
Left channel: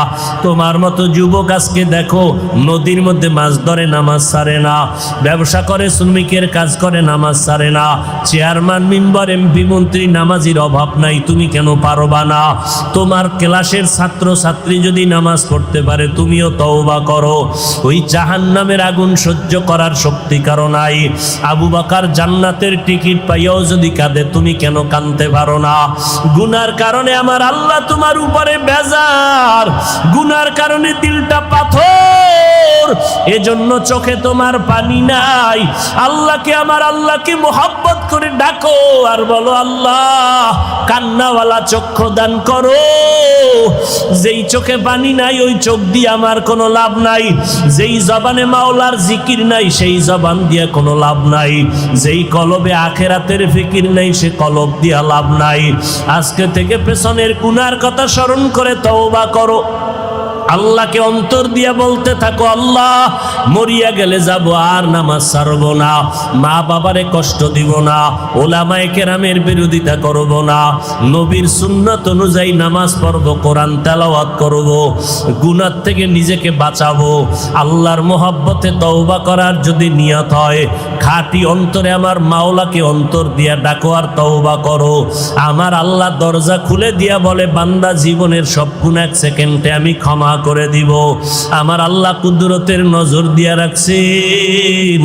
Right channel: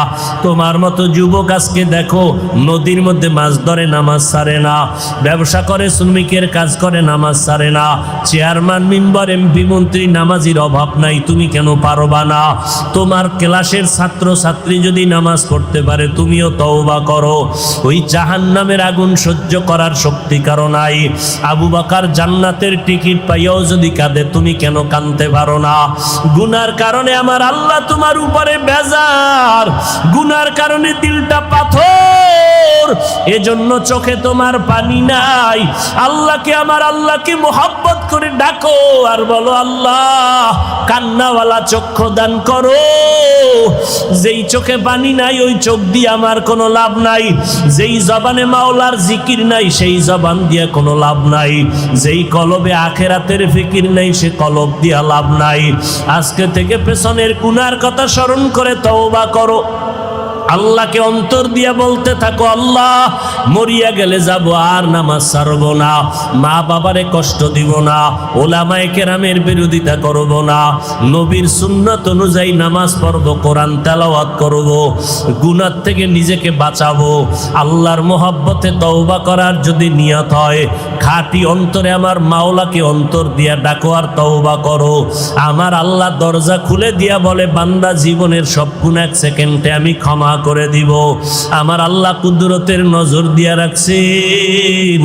তোমার মতো যুবক আজকে দেখো নদীর মধ্যে মাছ ধরে, নামাজ ছাড়ে না। ব্যবসা করে, শ্রমিকের কাজ করে, নামাজ ছাড়ে না। চেয়ারম্যান, মেম্বার, এমপি, মন্ত্রী, নামাজির অভাব নাই। তুমি কেন পারবা না? তোমার ক্লাসের ছাত্র ছাত্রী যদি নামাজ পড়তে পারে, তুমিও তওবা করো। ওই জাহান্নামের আগুন সহ্য করার শক্তি কারো নাই। আবু বকর জান্নাতের টিকিট পাইয়াও যদি কাঁদে, তুমি কেন কাঁদতে পারো না? গুনার কারণে আমার আল্লাহ তোমার উপরে বেজার, গুনার কারণে দিলটা পাথর, এজন্য চোখে তোমার পানি নাই। আল্লাহকে, আমার আল্লাহকে মোহাব্বত করে ডাকো আর বলো, আল্লাহ কান্নাওয়ালা চক্ষু দান করো। যেই চোখে পানি নাই, ওই চোখ দিয়ে আমার কোনো লাভ নাই। যেই জবানে মাওলার জিকির নাই, সেই জবান দিয়া কোনো লাভ নাই। যেই কলবে আখেরাতের ফিকির নাই, সে কলব দিয়া লাভ নাই। আজকে থেকে পেছনের গুনার কথা স্মরণ করে তওবা করো। আল্লাহকে অন্তর দিয়া বলতে থাকো, আল্লাহ মরিয়া গেলে যাব, আর নামাজ ছাড়ব না, মা বাবারে কষ্ট দিব না, ওলামায়ে কেরামের বিরোধিতা করব না, নবীর সুন্নাত অনুযায়ী নামাজ পড়ব, কোরআন তেলাওয়াত করব, গুনাহ থেকে নিজেকে বাঁচাবো। আল্লাহর মহব্বতে তওবা করার যদি নিয়ত হয়, খাঁটি অন্তরে আমার মাওলাকে অন্তর দিয়া ডাকো আর তওবা করো। আমার আল্লাহ দরজা খুলে দিয়া বলে, বান্দা জীবনের সব গুনাহ 1 সেকেন্ডে আমি ক্ষমা করে দিব। আমার আল্লাহ কুদরতের নজর দিয়া রাখছেন।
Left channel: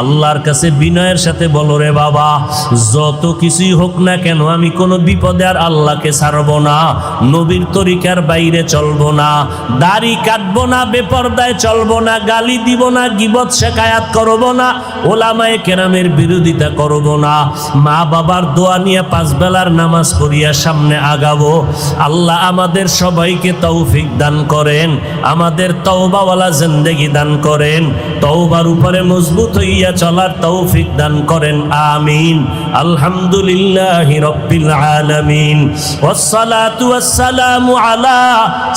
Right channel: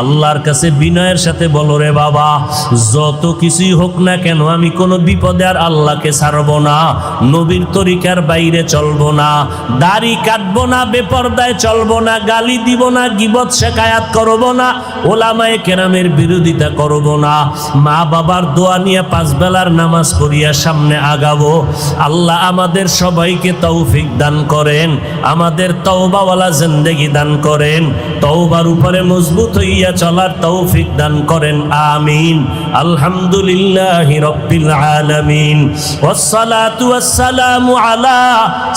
আল্লাহর কাছে বিনয়ের সাথে বলো, রে বাবা, যত কিছুই হোক না কেন, আমি কোনো বিপদে আর আল্লাহকে ছাড়বো না, নবীর তরিকার বাইরে চলবো না, দাড়ি কাটবো না, বেপরদায় চলবো না, গালি দিব না, গীবত শেখায়াত করবো না, ওলামায়ে কেরামের বিরোধিতা করবো না, মা বাবার দোয়া নিয়ে 5 বেলার নামাজ পড়িয়া সামনে আগাবো। আল্লাহ আমাদের সবাইকে তৌফিক দান করেন, আমাদের তওবাওয়ালা জিন্দেগি দান করেন, তওবার উপরে মজবুত হইয়া চলার তৌফিক দান করেন, আমিন। আলহামদুলিল্লাহি রাব্বিল আলামিন, ওয়াসসালাতু ওয়াসসালামু আলা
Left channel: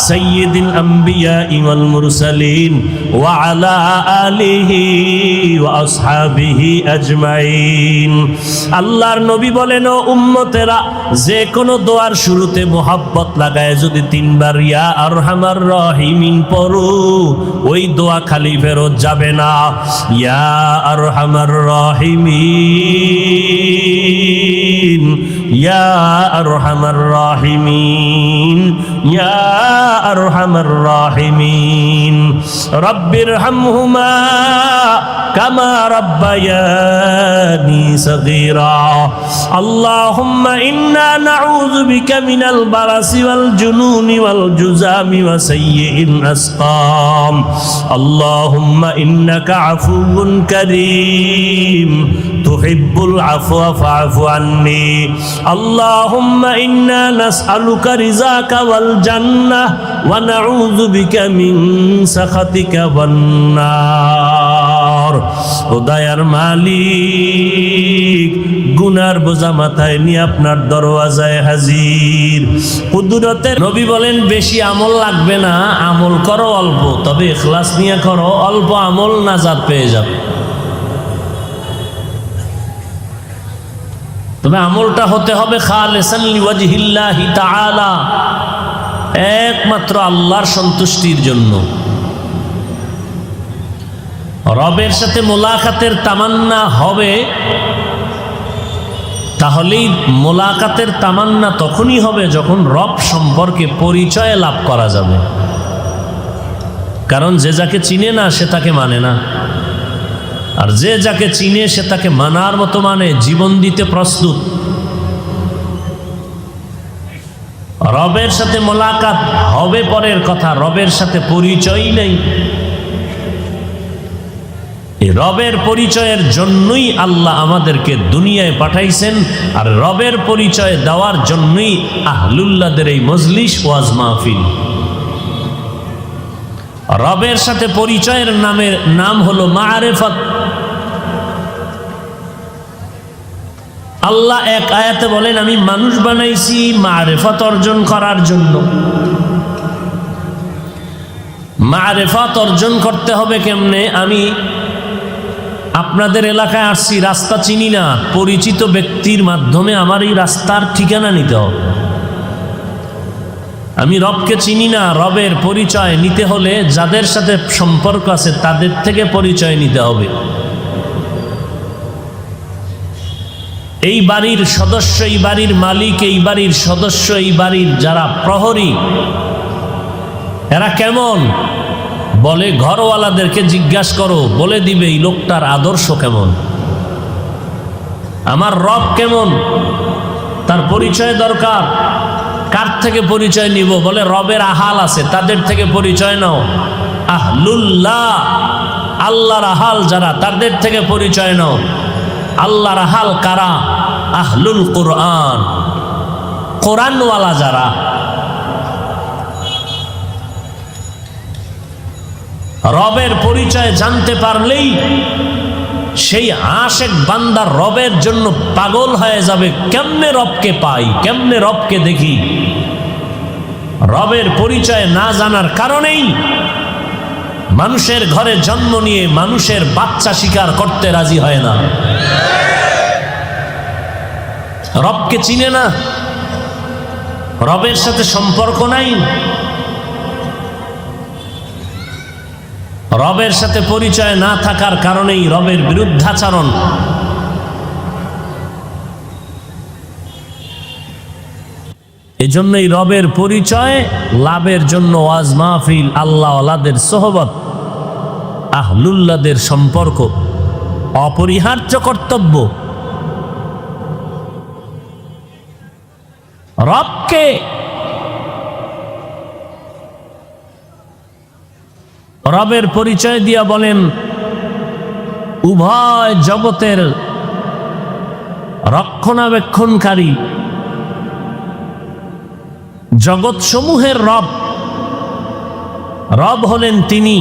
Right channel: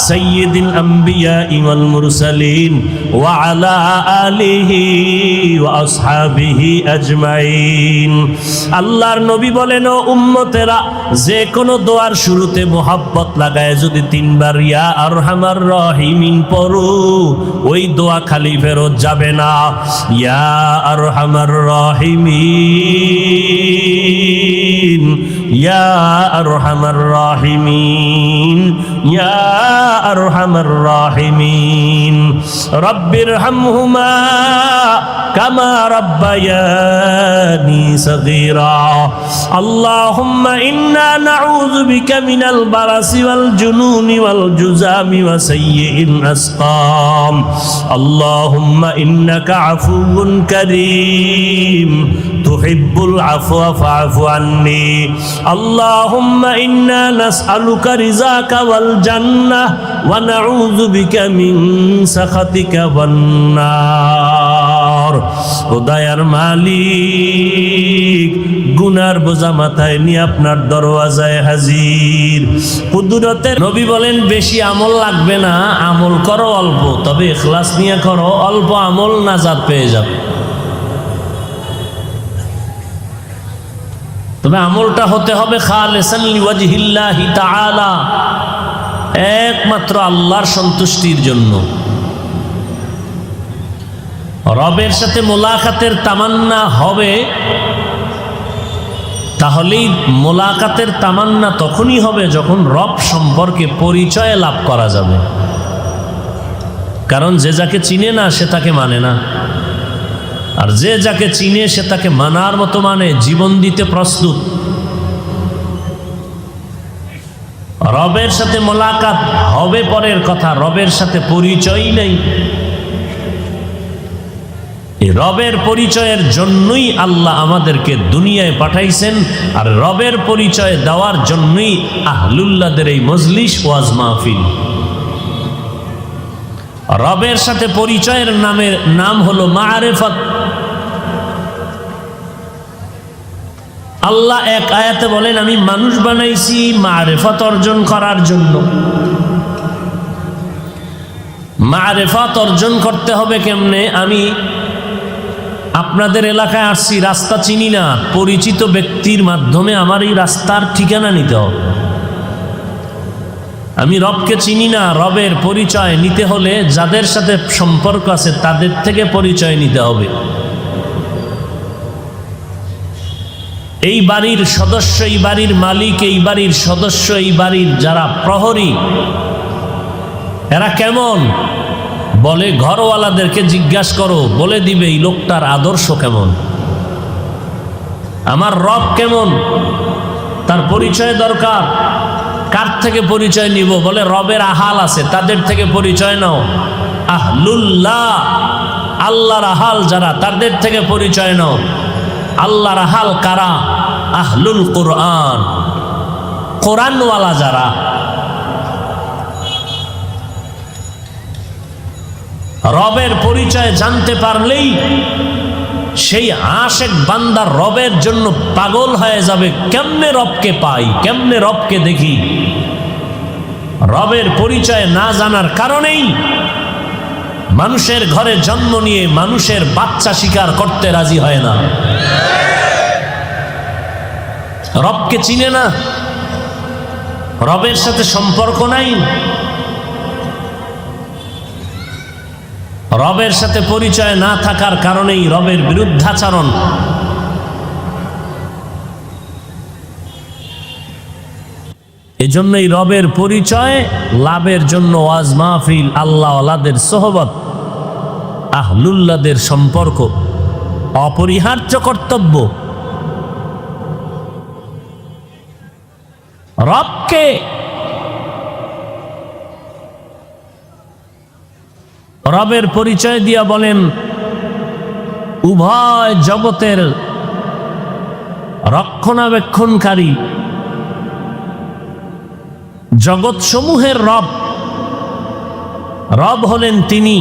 সাইয়্যিদিল আম্বিয়াই ওয়াল মুরসালিন ওয়া আলা আলিহি ওয়া আসহাবিহি আজমাইন। আল্লাহর নবী বলেন, ও উম্মতেরা, যে কোনো দোয়ার শুরুতে মোহাব্বত লাগায় যদি 3 বার ইয়া আরহামার রাহিমিন পড়ো, ওই দোয়া খালি ফেরত যাবে না। ইয়া আরহামার রাহিমিন, ইয়া আরহামার রাহিমিন, ইয়া আরহামার রাহিমিন, রব্বিরহামহুমা কামা রাব্বায়ানি সগীরা। আল্লাহুম্মা ইন্না নাউযু বিকা মিনাল বারাসি ওয়াল জুনুনি ওয়াল জুযামি ওয়া সাইয়্যিল আসকাম। আল্লাহুম্মা ইন্নাকা আফুউন কারীম তুহিব্বুল আফওয়া ফা'ফু আন্নি। আল্লাহুম্মা ইন্না নাসআলুকা রিযাকা ওয়াল জান্নাহ ওয়া নাউযু বিকা মিন সাখাতিকা ওয়ান নার। ও দয়ার মালিক, গুনার বোঝা মাথায় নিয়ে আপনার দরওয়াজায় হাজির। কুদরতের নবী বলেন, বেশি আমল লাগবে না, আমল করো অল্প, তবে ইখলাস নিয়ে করো, অল্প আমল নাজাত পেয়ে যাবে। তবে আমলটা হতে হবে খালিসান লিওয়াজহিল্লাহি তাআলা, একমাত্র আল্লাহর সন্তুষ্টির জন্য। রবের সাথে মোলাকাতের তামান্না হবে, তাহলেই মোলাকাতের তামান্না তখনই হবে যখন রব সম্পর্কে পরিচয় লাভ করা যাবে। কারণ যে যাকে চিনে না সে তাকে মানে না, আর যে যাকে চিনে সে তাকে মানার মতো মানে, জীবন দিতে প্রস্তুত। রবের সাথে মোলাকাত হবে পরের কথা, রবের সাথে পরিচয় নেই। এই রবের পরিচয়ের জন্যই আল্লাহ আমাদেরকে দুনিয়ায় পাঠাইছেন, আর রবের পরিচয় দেওয়ার জন্যই আহলুল্লাহদের এই মজলিস ওয়াজ মাহফিল। রবের সাথে পরিচয়ের নাম হলো মারিফাত। আল্লাহ এক আয়াতে বলেন, আমি মানুষ বানাইছি মারিফাত অর্জন করার জন্য। মারিফাত অর্জন করতে হবে কেমনে? আমি আপনাদের এলাকায় আসছি, রাস্তা চিনি না, পরিচিত ব্যক্তির মাধ্যমে আমার এই রাস্তার ঠিকানা নিতে হবে। আমি রবকে চিনি না, রবের পরিচয় নিতে হলে যাদের সাথে সম্পর্ক আছে তাদের থেকে পরিচয় নিতে হবে। এই বাড়ির সদস্য, এই বাড়ির মালিক, এই বাড়ির সদস্য, এই বাড়ির যারা প্রহরী, এরা কেমন? বলে ঘরওয়ালাদেরকে জিজ্ঞাসা করো, বলে দিবে এই লোকটার আদর্শ কেমন। আমার রব কেমন, তার পরিচয় দরকার। কার থেকে পরিচয় নিব? বলে রবের আহাল আছে, তাদের থেকে পরিচয় নাও। আহলুল্লাহ, আল্লাহর আহাল যারা, তাদের থেকে পরিচয় নাও। আল্লাহর আহাল কারা? আহলুল কোরআন, কোরআনওয়ালা যারা। রবের পরিচয় জানতে পারলেই সেই আশেক বান্দা রবের জন্য পাগল হয়ে যাবে। কেমনে রবকে পাই, কেমনে রবকে দেখি? রবের পরিচয় না জানার কারণেই মানুষের ঘরে জন্ম নিয়ে মানুষের বাচ্চা শিকার করতে রাজি হয় না। রবকে চিনে না, রবের সাথে সম্পর্ক নাই, রবের সাথে পরিচয় না থাকার কারণেই রবের বিরুদ্ধাচরণ। এজন্যই রবের পরিচয় লাভের জন্য ওয়াজ মাহফিল, আল্লাহ ওয়ালাদের সোহবত, আহলুল্লাহদের সম্পর্ক অপরিহার্য কর্তব্য। রবকে রবের পরিচয় দিয়া বলেন উভয় জগতের রক্ষণাবেক্ষণকারী, জগৎ সমূহের রব। রব হলেন তিনি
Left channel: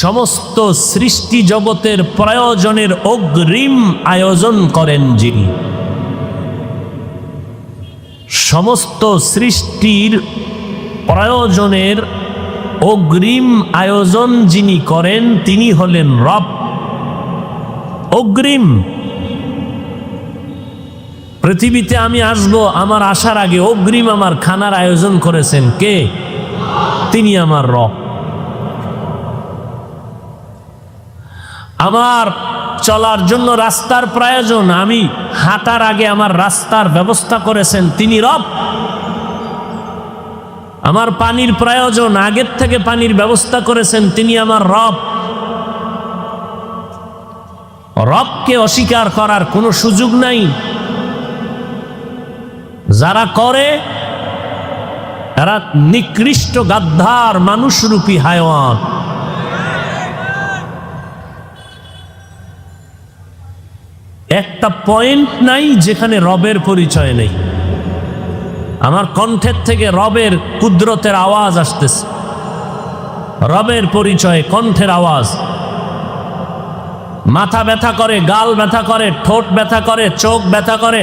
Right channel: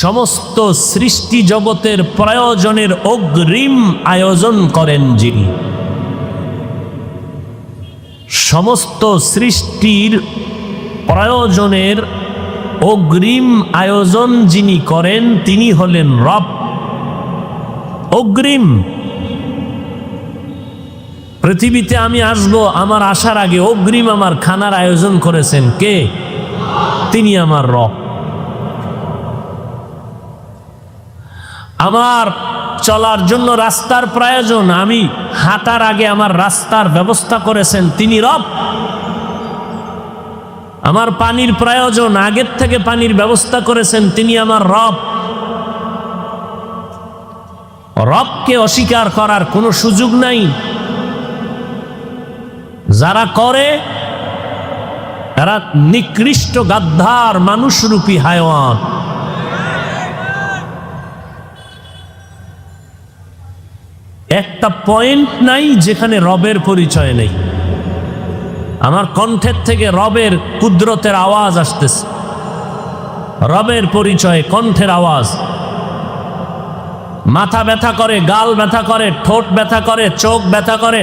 সমস্ত সৃষ্টি জগতের প্রয়োজনের অগ্রিম আয়োজন করেন যিনি। সমস্ত সৃষ্টির প্রয়োজনের অগ্রিম আয়োজন যিনি করেন তিনি হলেন রব। অগ্রিম। পৃথিবীতে আমি আসব, আমার আসার আগে অগ্রিম আমার খানার আয়োজন করেছেন কে? তিনি আমার রব। আমার চলার জন্য রাস্তার প্রয়োজন, আমি হাঁটার আগে আমার রাস্তার ব্যবস্থা করেছেন তিনি রব। আমার পানির প্রয়োজন, আগের থেকে পানির ব্যবস্থা করেছেন তিনি আমার রব। রবকে অস্বীকার করার কোনো সুযোগ নাই। যারা করে তারা নিকৃষ্ট গাদ্দার মানুষরূপী হায়ওয়ান। একটা পয়েন্ট নাই যেখানে রবের পরিচয় নেই। আমার কণ্ঠের থেকে রবের কুদরতের আওয়াজ আসতেছে, রবের পরিচয়, কণ্ঠের আওয়াজ। মাথা ব্যথা করে, গাল ব্যথা করে, ঠোঁট ব্যথা করে, চোখ ব্যথা করে,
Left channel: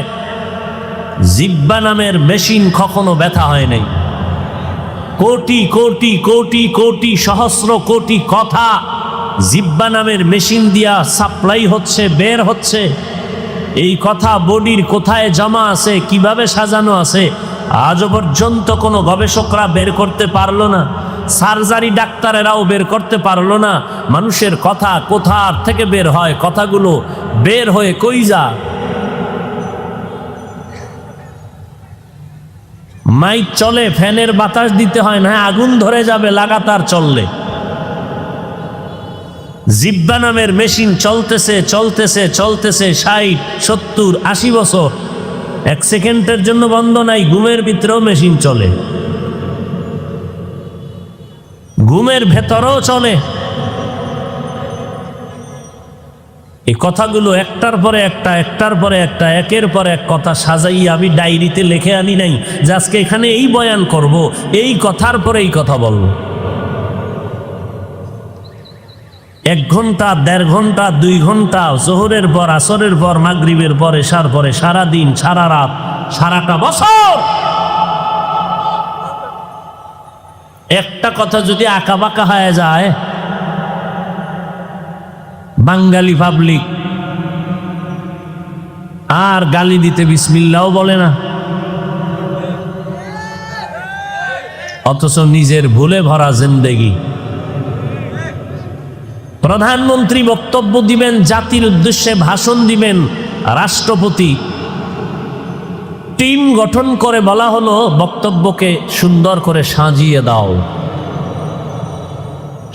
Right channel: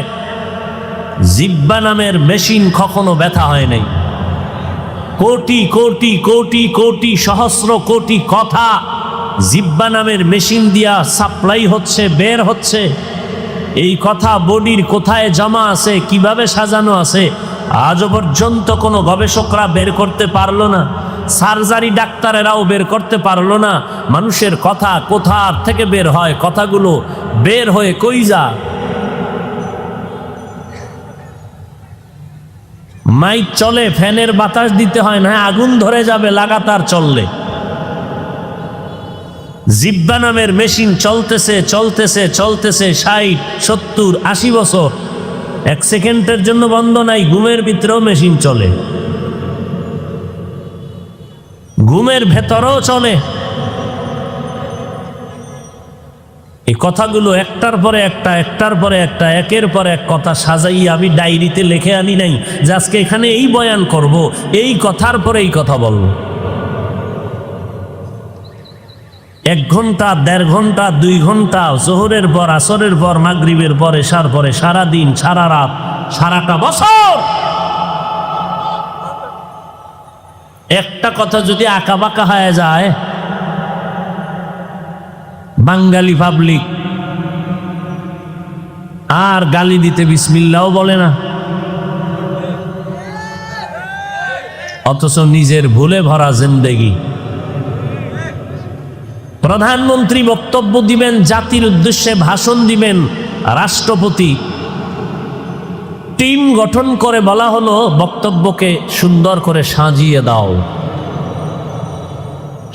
জিহ্বা নামের মেশিন কখনো ব্যথা হয় নাই। কোটি কোটি কোটি কোটি সহস্র কোটি কথা জিহ্বা নামের মেশিন দিয়া সাপ্লাই হচ্ছে, বের হচ্ছে। এই কথা বডির কোথায় জমা আছে, কিভাবে সাজানো আছে, আজও পর্যন্ত কোনো গবেষকরা বের করতে পারলো না। সার্জারি ডাক্তারেরাও বের করতে পারলো না। মানুষের কথা কোথার থেকে বের হয়, কথাগুলো বের হয়ে কই যা। মাইক চলে, ফ্যানের বাতাস দিতে হয় না, আগুন ধরে যাবে লাগাতার চললে। জিহ্বা নামের মেশিন চলতেছে চলতেছে চলতেছে 60, 70, 80 বছর। এক সেকেন্ডের জন্য বন্ধ নাই। ঘুমের ভিতরেও মেশিন চলে, ঘুমের ভেতরেও চলে। এই কথাগুলো একটার পরে একটা, একটার পরে একটা, একের পর এক কথা সাজাই আমি ডায়েরিতে লিখে আনি নাই যে আজকে এখানে এই বয়ান করব, এই কথার পরে এই কথা বলবো। 1 ঘন্টা, 1.5 ঘন্টা, 2 ঘন্টা, জোহরের পর, আসরের পর, মাগরিবের পর, এশার পরে, সারা দিন, সারা রাত, সারাটা বছর একটা কথা যদি আঁকা বাঁকা হয়ে যায়, বাঙালি পাবলিক আর গালি দিতে বিসমিল্লাও বলে না, অথচ নিজের ভুলে ভরা জিন্দেগি। প্রধানমন্ত্রী বক্তব্য দিবেন, জাতির উদ্দেশ্যে ভাষণ দিবেন, রাষ্ট্রপতি টিম গঠন করে বলা হলো বক্তব্যকে সুন্দর করে সাজিয়ে দাও।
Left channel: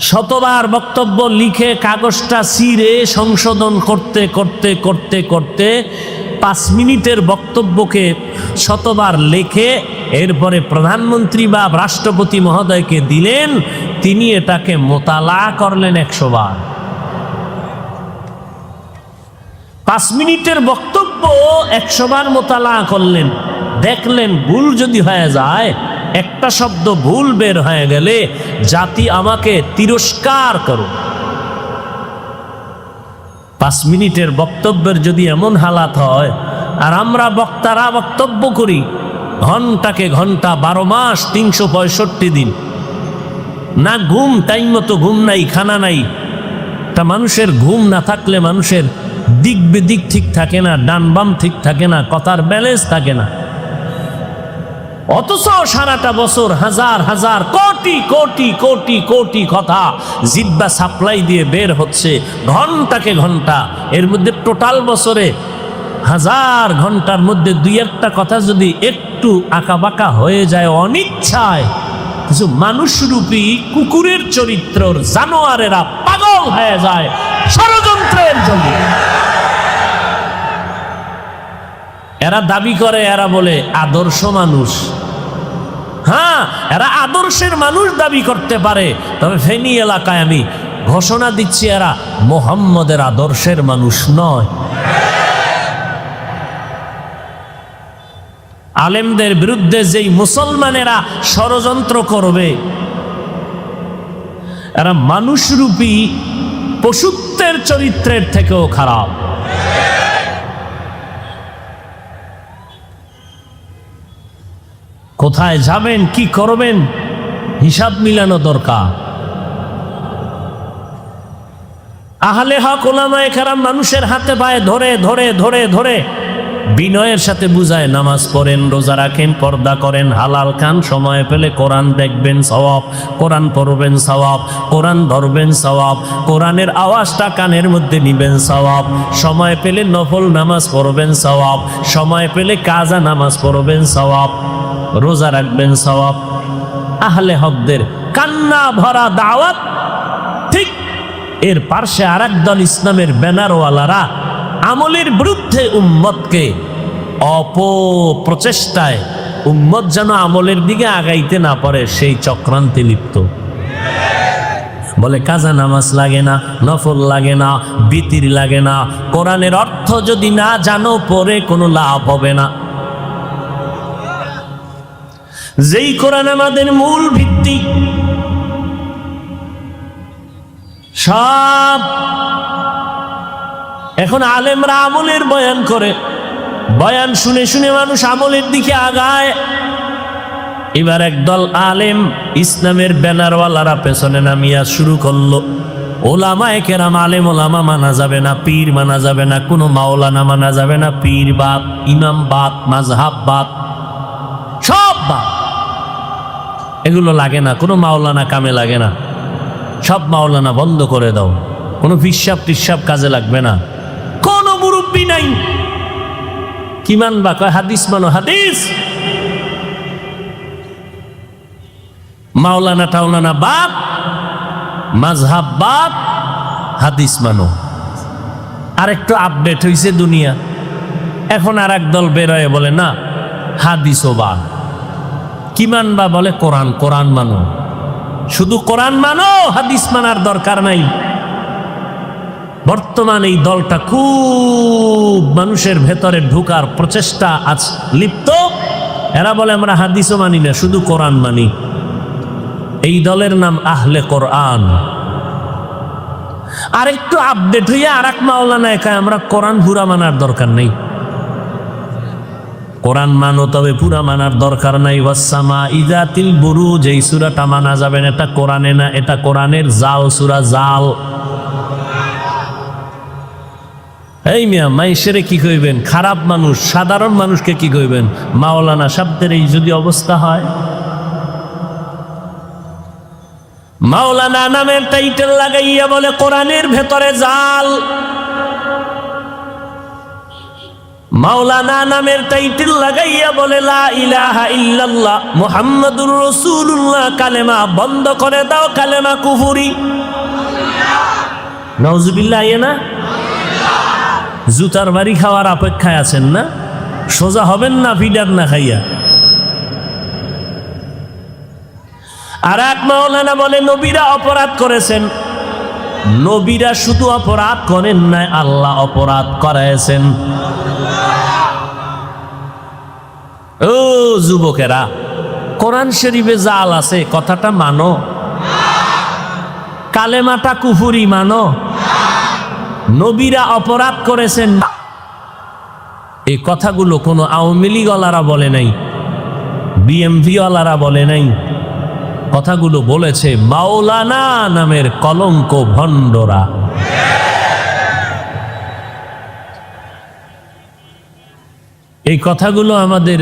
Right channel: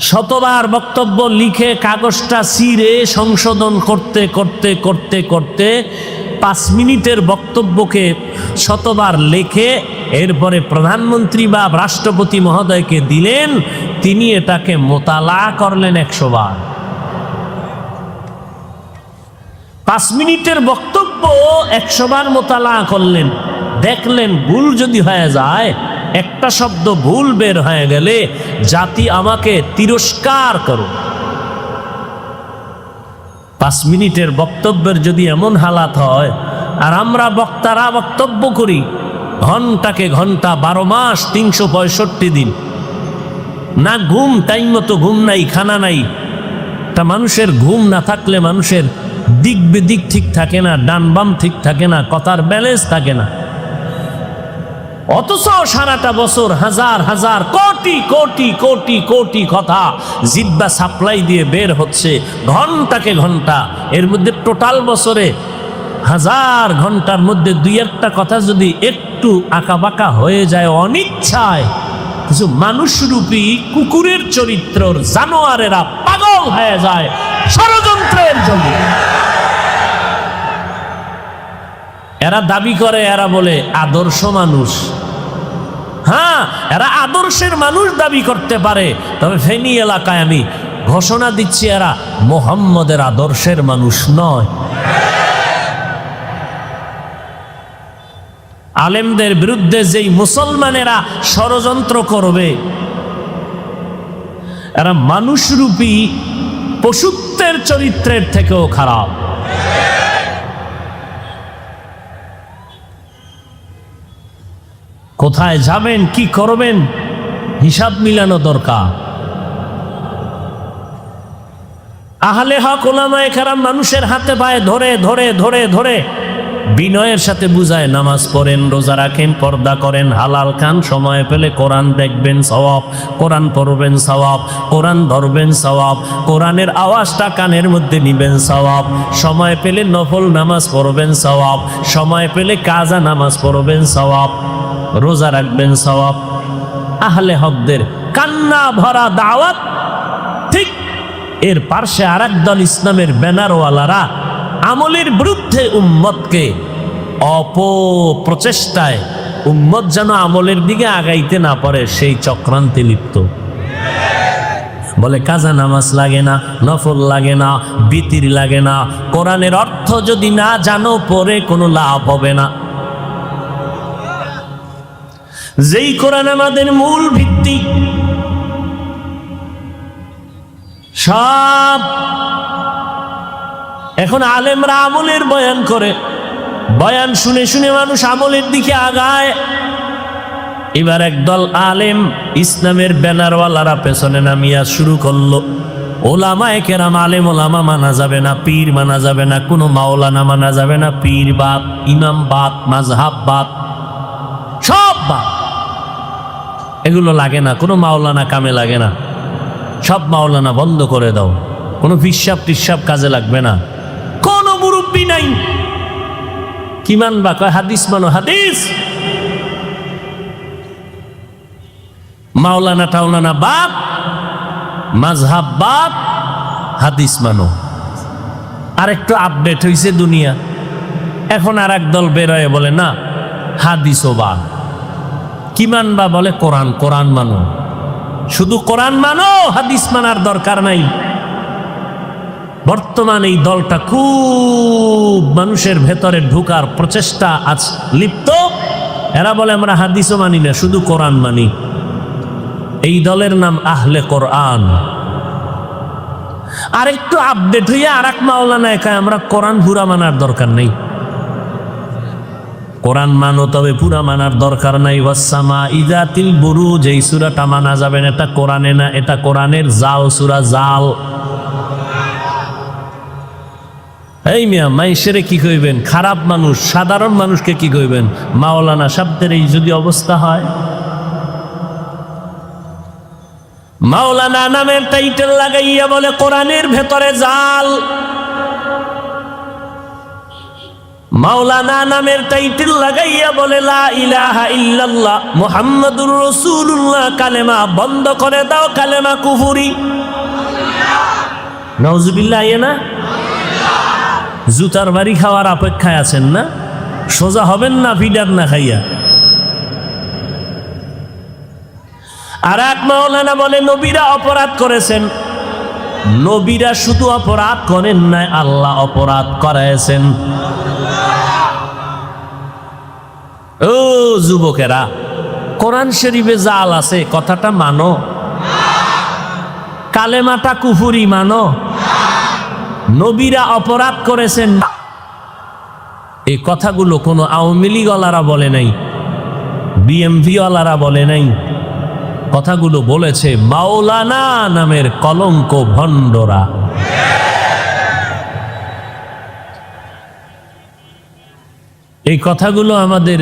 শতবার বক্তব্য লিখে কাগজটা ছিঁড়ে সংশোধন করতে করতে করতে করতে 5 মিনিটের বক্তব্যকে শতবার লেখে এরপরে প্রধানমন্ত্রী বা রাষ্ট্রপতি মহোদয়কে দিলেন, তিনি এটাকে মোতালা করলেন 100 বার। 5 মিনিটের বক্তব্য 100 বার মোতালা করলেন। দেখলেন ভুল যদি হয়ে যায়, একটা শব্দ ভুল বের হয়ে গেলে জাতি আমাকে তিরস্কার করো। 5 মিনিটের বক্তব্যের যদি এমন হালাত হয়, আর আমরা বক্তারা বক্তব্য করি ঘন্টাকে ঘন্টা, 12 মাস 365 দিন, না ঘুম, টাইম মতো ঘুম নাই, খানা নাই। তা মানুষের ঘুম না থাকলে মানুষের দিক বেদিক ঠিক থাকে না, ডান বাম ঠিক থাকে না, কথার ব্যালেন্স থাকে না। অথচ সারাটা বছর হাজার হাজার কোটি কোটি কোটি কোটি কথা জিহ্বা সাপ্লাই দিয়ে বের হচ্ছে ঘন্টাকে ঘন্টা। এর মধ্যে টোটাল বছরে 1000 ঘন্টার মধ্যে 2-1টা কথা যদি একটু আঁকাবাঁকা হয়ে যায় অনিচ্ছায়, কিছু মানুষরূপী কুকুরের চরিত্রর জানোয়ারেরা পাগল হয়ে যায় ষড়যন্ত্রের জন্য। এরা দাবি করে, এরা বলে আদর্শ মানুষ। হ্যাঁ, এরা আদর্শের মানুষ দাবি করতে পারে, তবে ফেনী এলাকায় আমি ঘোষণা দিচ্ছি এরা মুহাম্মদের আদর্শের মানুষ নয়। আলেমদের বিরুদ্ধে যেই মুসলমানেরা ষড়যন্ত্র করবে, এরা মানুষরূপী পশুত্বের চরিত্রের থেকেও খারাপ। কোথায় যাবেন, কি করবেন, হিসাব মিলানো দরকার। আহলে হক ওলামায়ে কেরাম মানুষের হাতে পায়ে ধরে ধরে ধরে ধরে বিনয়ের সাথে বুঝায়, নামাজ পড়েন, রোজা রাখেন, পর্দা করেন, হালাল খান, সময় পেলে কোরআন দেখবেন সওয়াব, কোরআন পড়বেন সওয়াব, কোরআন ধরবেন সওয়াব, কোরআনের আওয়াজটা কানের মধ্যে নিবেন সওয়াব, সময় পেলে নফল নামাজ পড়বেন সওয়াব, সময় পেলে কাজা নামাজ পড়বেন সওয়াব, রোজা রাখবেন সওয়াব। আহলে হকদের কান্না ভরা দাওয়াত। ঠিক এর পার্শ্বে আরেক দল ইসলামের ব্যানারওয়ালারা আমলের বিরুদ্ধে উম্মতকে অপপ্রচেষ্টায় উম্মত যেন আমলের দিকে আগাইতে না পারে সেই চক্রান্তে লিপ্ত। বলে কাজা নামাজ লাগে না, নফল লাগে না, বিতির লাগে না, কোরআনের অর্থ যদি না জানো পরে কোনো লাভ হবে না। যেই কোরআন আমাদের মূল ভিত্তি, সব এখন আলেমরা আমলের বয়ান করে, বয়ান শুনে শুনে মানুষ আমলের দিকে আগায়। এবার একদল আলেম ইসলামের ব্যানারওয়ালারা পেছনে নামিয়া শুরু করলো, ওলামায়ে কেরাম, আলেম ওলামা মানা যাবে না, পীর মানা যাবে না, কোনো মাওলানা মানা যাবে না, পীর বাদ, ইমাম বাদ, মাযহাব বাদ, সব বাদ। এগুলো লাগে না, কোনো মাওলানা কামে লাগে না, সব মাওলানা বন্ধ করে দাও, কোনো পিসাব টিসাব কাজে লাগবে না, কোনো মুরব্বী নাই। কি মানবা? কয় হাদিস মানো, হাদিস। মাওলানা টাওলানা বাদ, মাযহাব বাদ, হাদিস মানো। আরেকটা আপডেট হইছে দুনিয়া, এখন আর এক দল বেরোয় বলে না হাদিসও বাদ। কি মানবা? বলে কোরআন, কোরআন মানো, শুধু কোরআন মানো, হাদিস মানার দরকার নাই। বর্তমানে এই দলটা খুব মানুষের ভেতরে ঢোকার প্রচেষ্টা আজ লিপ্ত। এরা বলে আমরা হাদিসও মানি না, শুধু কোরআন মানি। এই দলের নাম আহলে কোরআন। আর একটু আপডেট হইয়া আর এক মাওলানা একাই আমরা কোরআন পুরা মানার দরকার নেই। কোরআন মানো, তবে পুরা মানার দরকার নাই। ওয়াসসামা ইযাতিল বুরুজ, এই সূরাটা মানা যাবে না, এটা কোরআনে না, এটা কোরআনের জাল সূরা, জাল। এই মিয়া, মাইশেরে কি কইবেন? খারাপ মানুষ, সাধারণ মানুষকে কি কইবেন? মাওলানা শব্দের এই যদি অবস্থা হয়, মাওলানা নামের টাইটেল লাগাইয়া বলে কোরআনের ভেতরে জাল। মাওলানা নামের টাইটেল লাগাইয়া বলে লা ইলাহা ইল্লাল্লাহ মুহাম্মাদুর রাসূলুল্লাহ, কালেমা বন্ধ করে দাও, কালেমা কুফরি। নাউজুবিল্লাহ। না জুতার বাড়ি খাওয়ার অপেক্ষায় আছেন না? সোজা হবেন না ফিডার না খাইয়া। আর এক মাওলানা বলে নবীরা অপরাধ করেছেন। নবীরা শুধু অপরাধ করেন নাই, আল্লাহ অপরাধ করাইছেন। ও যুবকেরা, কোরআন শরীফে জাল আছে, কথাটা মানো। কালেমাটা কুফরি মানো। নবীরা অপরাধ করেছেন, এই কথাগুলো কোনো আওয়ামী লীগ ওয়ালারা বলে নাই, বিএমপি ওয়ালারা বলে নাই। কথাগুলো বলেছে মাওলানা নামের কলঙ্ক ভণ্ডরা। এই কথাগুলো আমাদের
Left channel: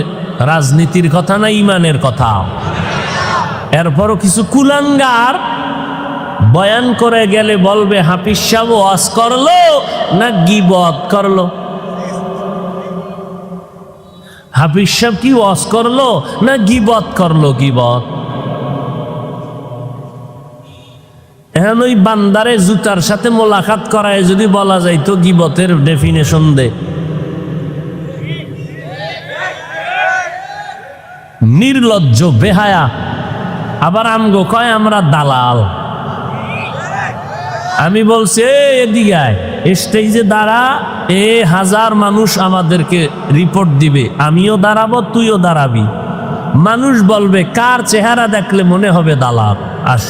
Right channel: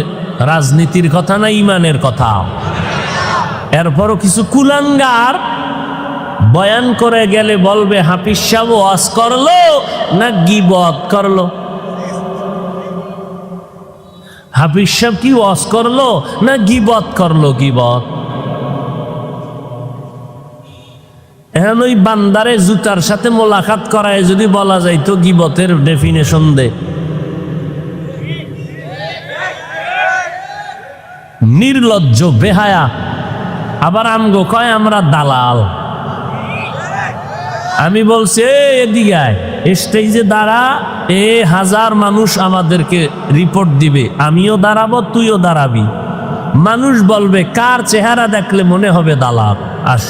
রাজনীতির কথা না, ইমানের কথা। এরপরও কিছু কুলাঙ্গার বয়ান করে গেলে বলবে হাফিজ সাহেব ওয়াজ করলো না গীবত করলো। হাফিজ সাহেব কি ওয়াজ করলো না গীবত করলো? গীবত। এখন ওই বান্দারে জুতার সাথে মোলাকাত করায় যদি বলা যায় তো গীবতের ডেফিনেশন দে। নির্লজ্জ, বেহায়া, আবার আমগো কয় আমরা দালাল। আমি বলছি এদিকে স্টেজে দাঁড়া, 1000 মানুষ আমাদেরকে রিপোর্ট দিবে, আমিও দাঁড়াবো, তুইও দাঁড়াবি। মানুষ বলবে কার চেহারা দেখলে মনে হবে দালাল। আস,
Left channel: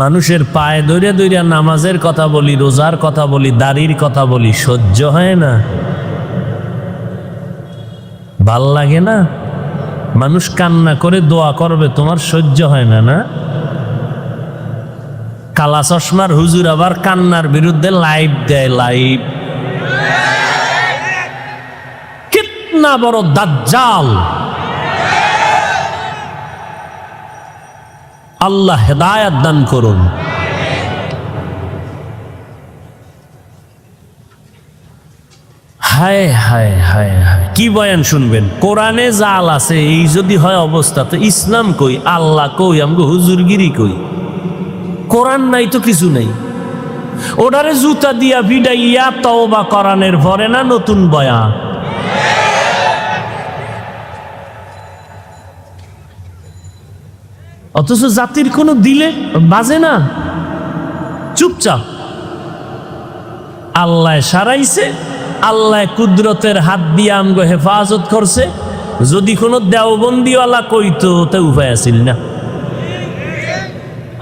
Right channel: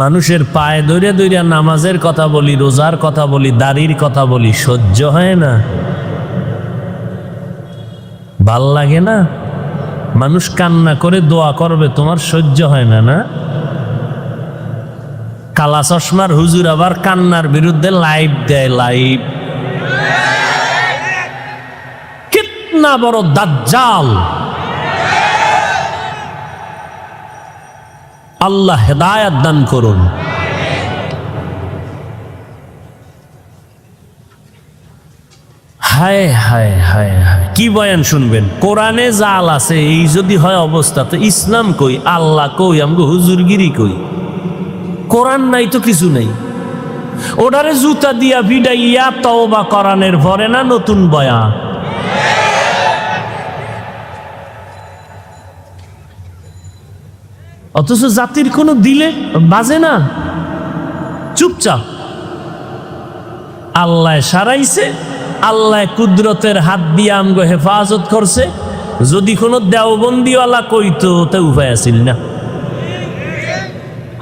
মানুষের পায়ে ধরে ধরে নামাজের কথা বলি, রোজার কথা বলি, দাড়ির কথা বলি, সহ্য হয় না, ভাল লাগে না? মানুষ কান্না করে দোয়া করবে, তোমার সহ্য হয় না? না, কালা চশমার হুজুর আবার কান্নার বিরুদ্ধে লাইভ দেয়, লাইভ। কিতনা বড় দাজ্জাল! আল্লাহ হেদায়েত দান করুন। হায় হায় হায় হায়, কি বয়ান শুনবেন? কোরআনে জাল আছে, এই যদি হয় অবস্থা, তো ইসলাম কই, আল্লাহ কই, আমগো হুজুরগিরি কই? কোরআন নাই তো কিছু নেই। ওটারে জুতা দিয়া পিটাইয়া তওবা কোরআনের পরে না নতুন বয়ান। অথচ জাতির কোনো দিলে বাজে না, চুপচাপ। আল্লাহ সারাইছে, আল্লাহ কুদরতের হাত দিয়ে আমগো হেফাজত করছে। যদি কোনো দেওবন্দিওয়ালা কইতো তা উপায় আছিল না।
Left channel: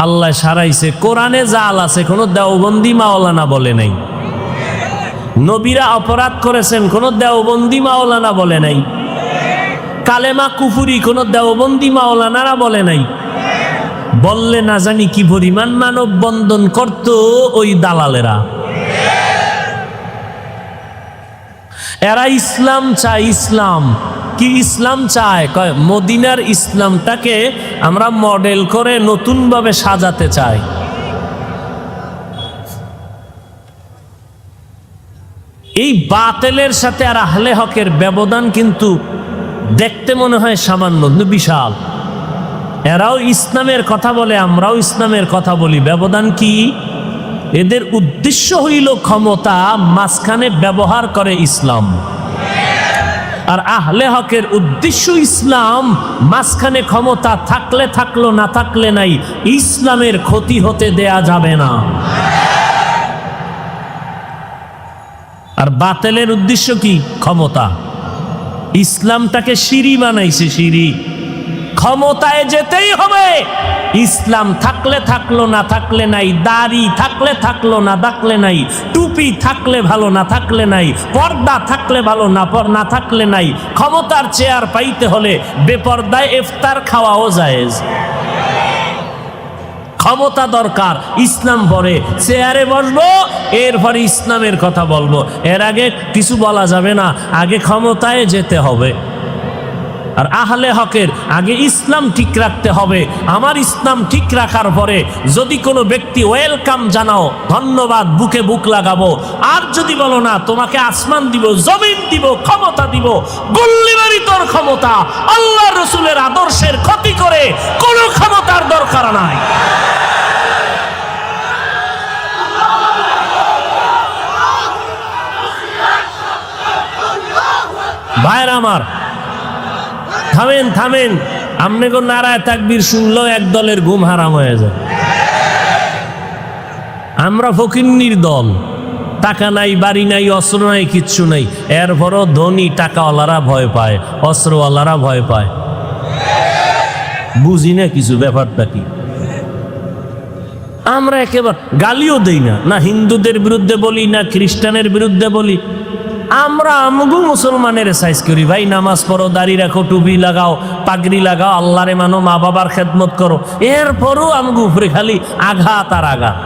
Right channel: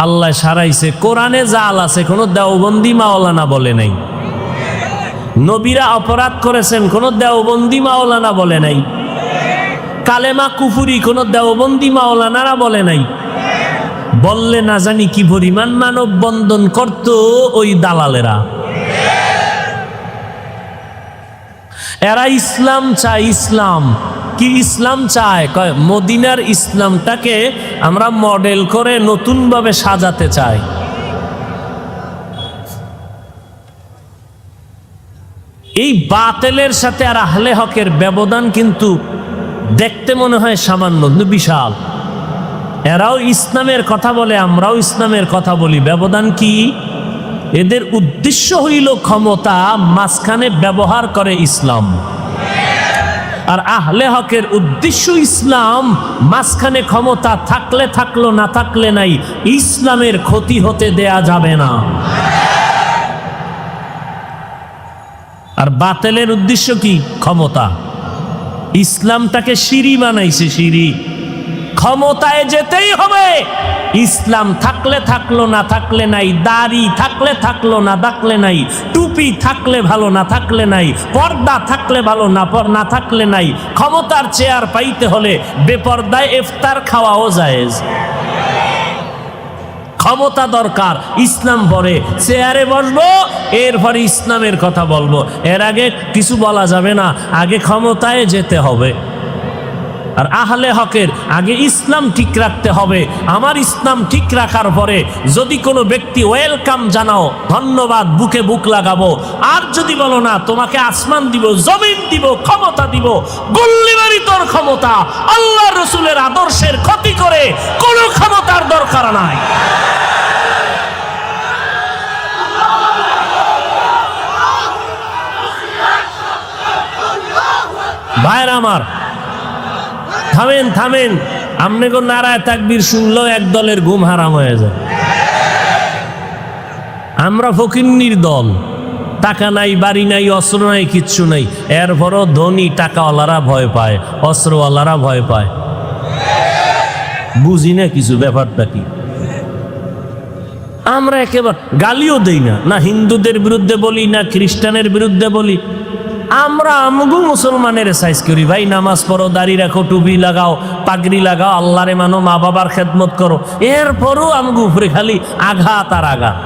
আল্লাহ সারাইছে, কোরআনে জাল আছে, কোনো দেওবন্দি মাওলানা বলে নাই। নবীরা অপরাধ করেছেন, কোনো দেওবন্দি মাওলানা বলে নাই। কালেমা কুফুরি কোনো দেওবন্দি মাওলানারা বলে নাই। বললে না জানি কি পরিমাণ মানব বন্ধন করত ওই দালালেরা। এরা ইসলাম চায়। ইসলাম কি? ইসলাম চায়, কয় মদিনার ইসলামটাকে আমরা মডেল করে নতুন ভাবে সাজাতে চাই। এই বাতিলের সাথে আর আহলে হকের ব্যবধান কিন্তু দেখতে মনে হয় সামান্য, না বিশাল। এরাও ইসলামের কথা বলে, আমরাও ইসলামের কথা বলি, ব্যবধান কি? এদের উদ্দেশ্য হইল ক্ষমতা, মাঝখানে ব্যবহার করে ইসলাম। আর আহলে হকের উদ্দেশ্য ইসলাম, মাঝখানে ক্ষমতা থাকলে থাকলো, না থাকলে নাই। ইসলামের ক্ষতি হতে দেয়া যাবে না। আর বাতিলের উদ্দেশ্য কি? ক্ষমতা। ইসলামটাকে সিঁড়ি বানাইছে, সিঁড়ি। ক্ষমতায় যেতেই হবে। ইসলাম থাকলে থাকলো, না থাকলে নাই। দাড়ি থাকলে থাকলো, না থাকলে নাই। টুপি থাকলে ভালো, না থাকলে নাই। পর্দা থাকলে ভালো, না থাকলে নাই। ক্ষমতার চেয়ার পাইতে হলে বেপর্দায় ইফতার খাওয়াও জায়েজ। ক্ষমতা দরকার, ইসলাম পরে চেয়ারে বসবো, এরপর ইসলামের কথা বলবো। এর আগে কিছু বলা যাবে না, আগে ক্ষমতায় যেতে হবে। আর আহলে হকের আগে ইসলাম ঠিক রাখতে হবে। আমার ইসলাম ঠিক রাখার পরে যদি কোনো ব্যক্তি ওয়েলকাম জানাও, ধন্যবাদ, বুকে বুক লাগাবো। আর যদি বলো না, তোমাকে আসমান দিব, জমিন দিব, ক্ষমতা দিব, গুল্লি মারি তোর ক্ষমতা, আল্লাহ রসুলের আদর্শের ক্ষতি করে কোনো ক্ষমতার দরকার নাই। ভাইরা আমার, থামেন থামেন। আমনে গো নারায় তাকবীর শুনলেও এক দলের ঘুম হারাম হয়ে যায়। আমরা ফকিন্নির দল, টাকা নাই, বাড়ি নাই, অস্ত্র নাই, কিচ্ছু নাই। এরপরও ধনী টাকাওয়ালারা ভয় পায়, অস্ত্রওয়ালারা ভয় পায়। বুঝি না কিছু, ব্যাপারটা কি? আমরা একেবারে গালিও দেই না, না হিন্দুদের বিরুদ্ধে বলি, না খ্রিস্টানের বিরুদ্ধে বলি। আমরা আমগো মুসলমানের সাইজ করি, ভাই নামাজ পড়ো, দাড়ি রাখো, টুপি লাগাও, পাগড়ি লাগাও, আল্লাহরে মানো, মা বাবার খেদমত করো। এরপরও আমগো উপরে খালি আঘাত আর আঘাত,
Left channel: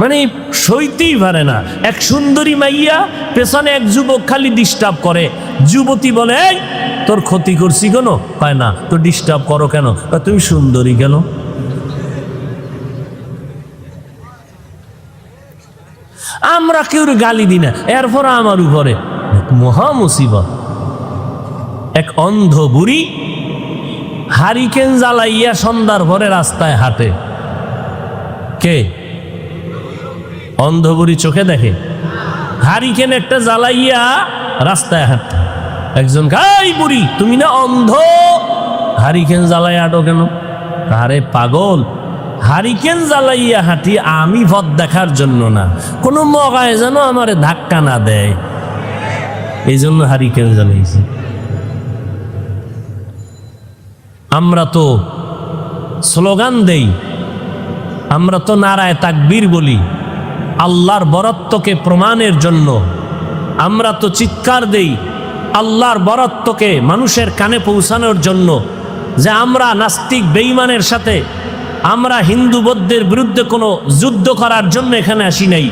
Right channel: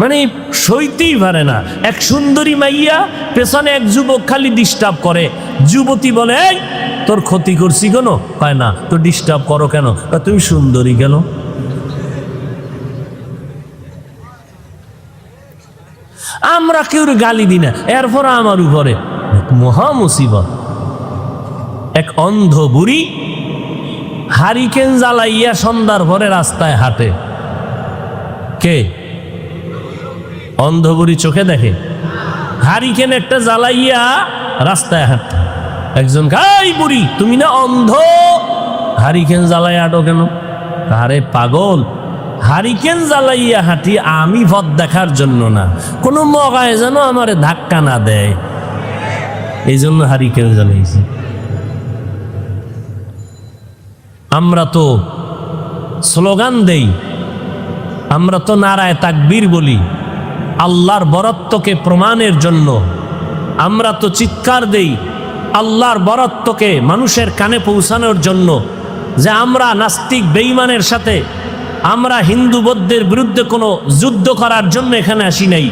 মানে সইতেই পারে না। এক সুন্দরী মাইয়া, পেছনে এক যুবক খালি ডিস্টার্ব করে। যুবতী বলে, এই তোর ক্ষতি করছি কেন? পায় না তো ডিস্টার্ব করো কেন? তুমি সুন্দরী কেন? আমরা কেউ গালি দিই না। এরপর আমার উপরে মহা মুসিবত, এক অন্ধ বুড়ি হারিকেন জ্বালাইয়া সন্ধ্যার পরে রাস্তায় হাঁটে। কে? অন্ধ বুড়ি চোখে দেখে। হারিকেন একটা জ্বালাইয়া রাস্তায় হাঁট, একজন এই বুড়ি তুমি না অন্ধ, হারিকেন জ্বালাই আটো কেন? আরে পাগল, হারিকেন জ্বালাইয়া হেঁটি আমি পথ দেখার জন্য না, কোনো মগায় যেন আমারে ধাক্কা না দেয়, এই জন্য হারিকেন জ্বালাইছি। আমরা তো স্লোগান দেই, আমরা তো নারায়ে তাকবীর বলি আল্লাহর বরত্বকে প্রমাণের জন্য, আমরা তো চিৎকার দেই আল্লাহর বরত্বকে মানুষের কানে পৌঁছানোর জন্য, যে আমরা নাস্তিক বেঈমানের সাথে, আমরা হিন্দু বৌদ্ধের বিরুদ্ধে কোনো যুদ্ধ করার জন্য এখানে আসি নাই।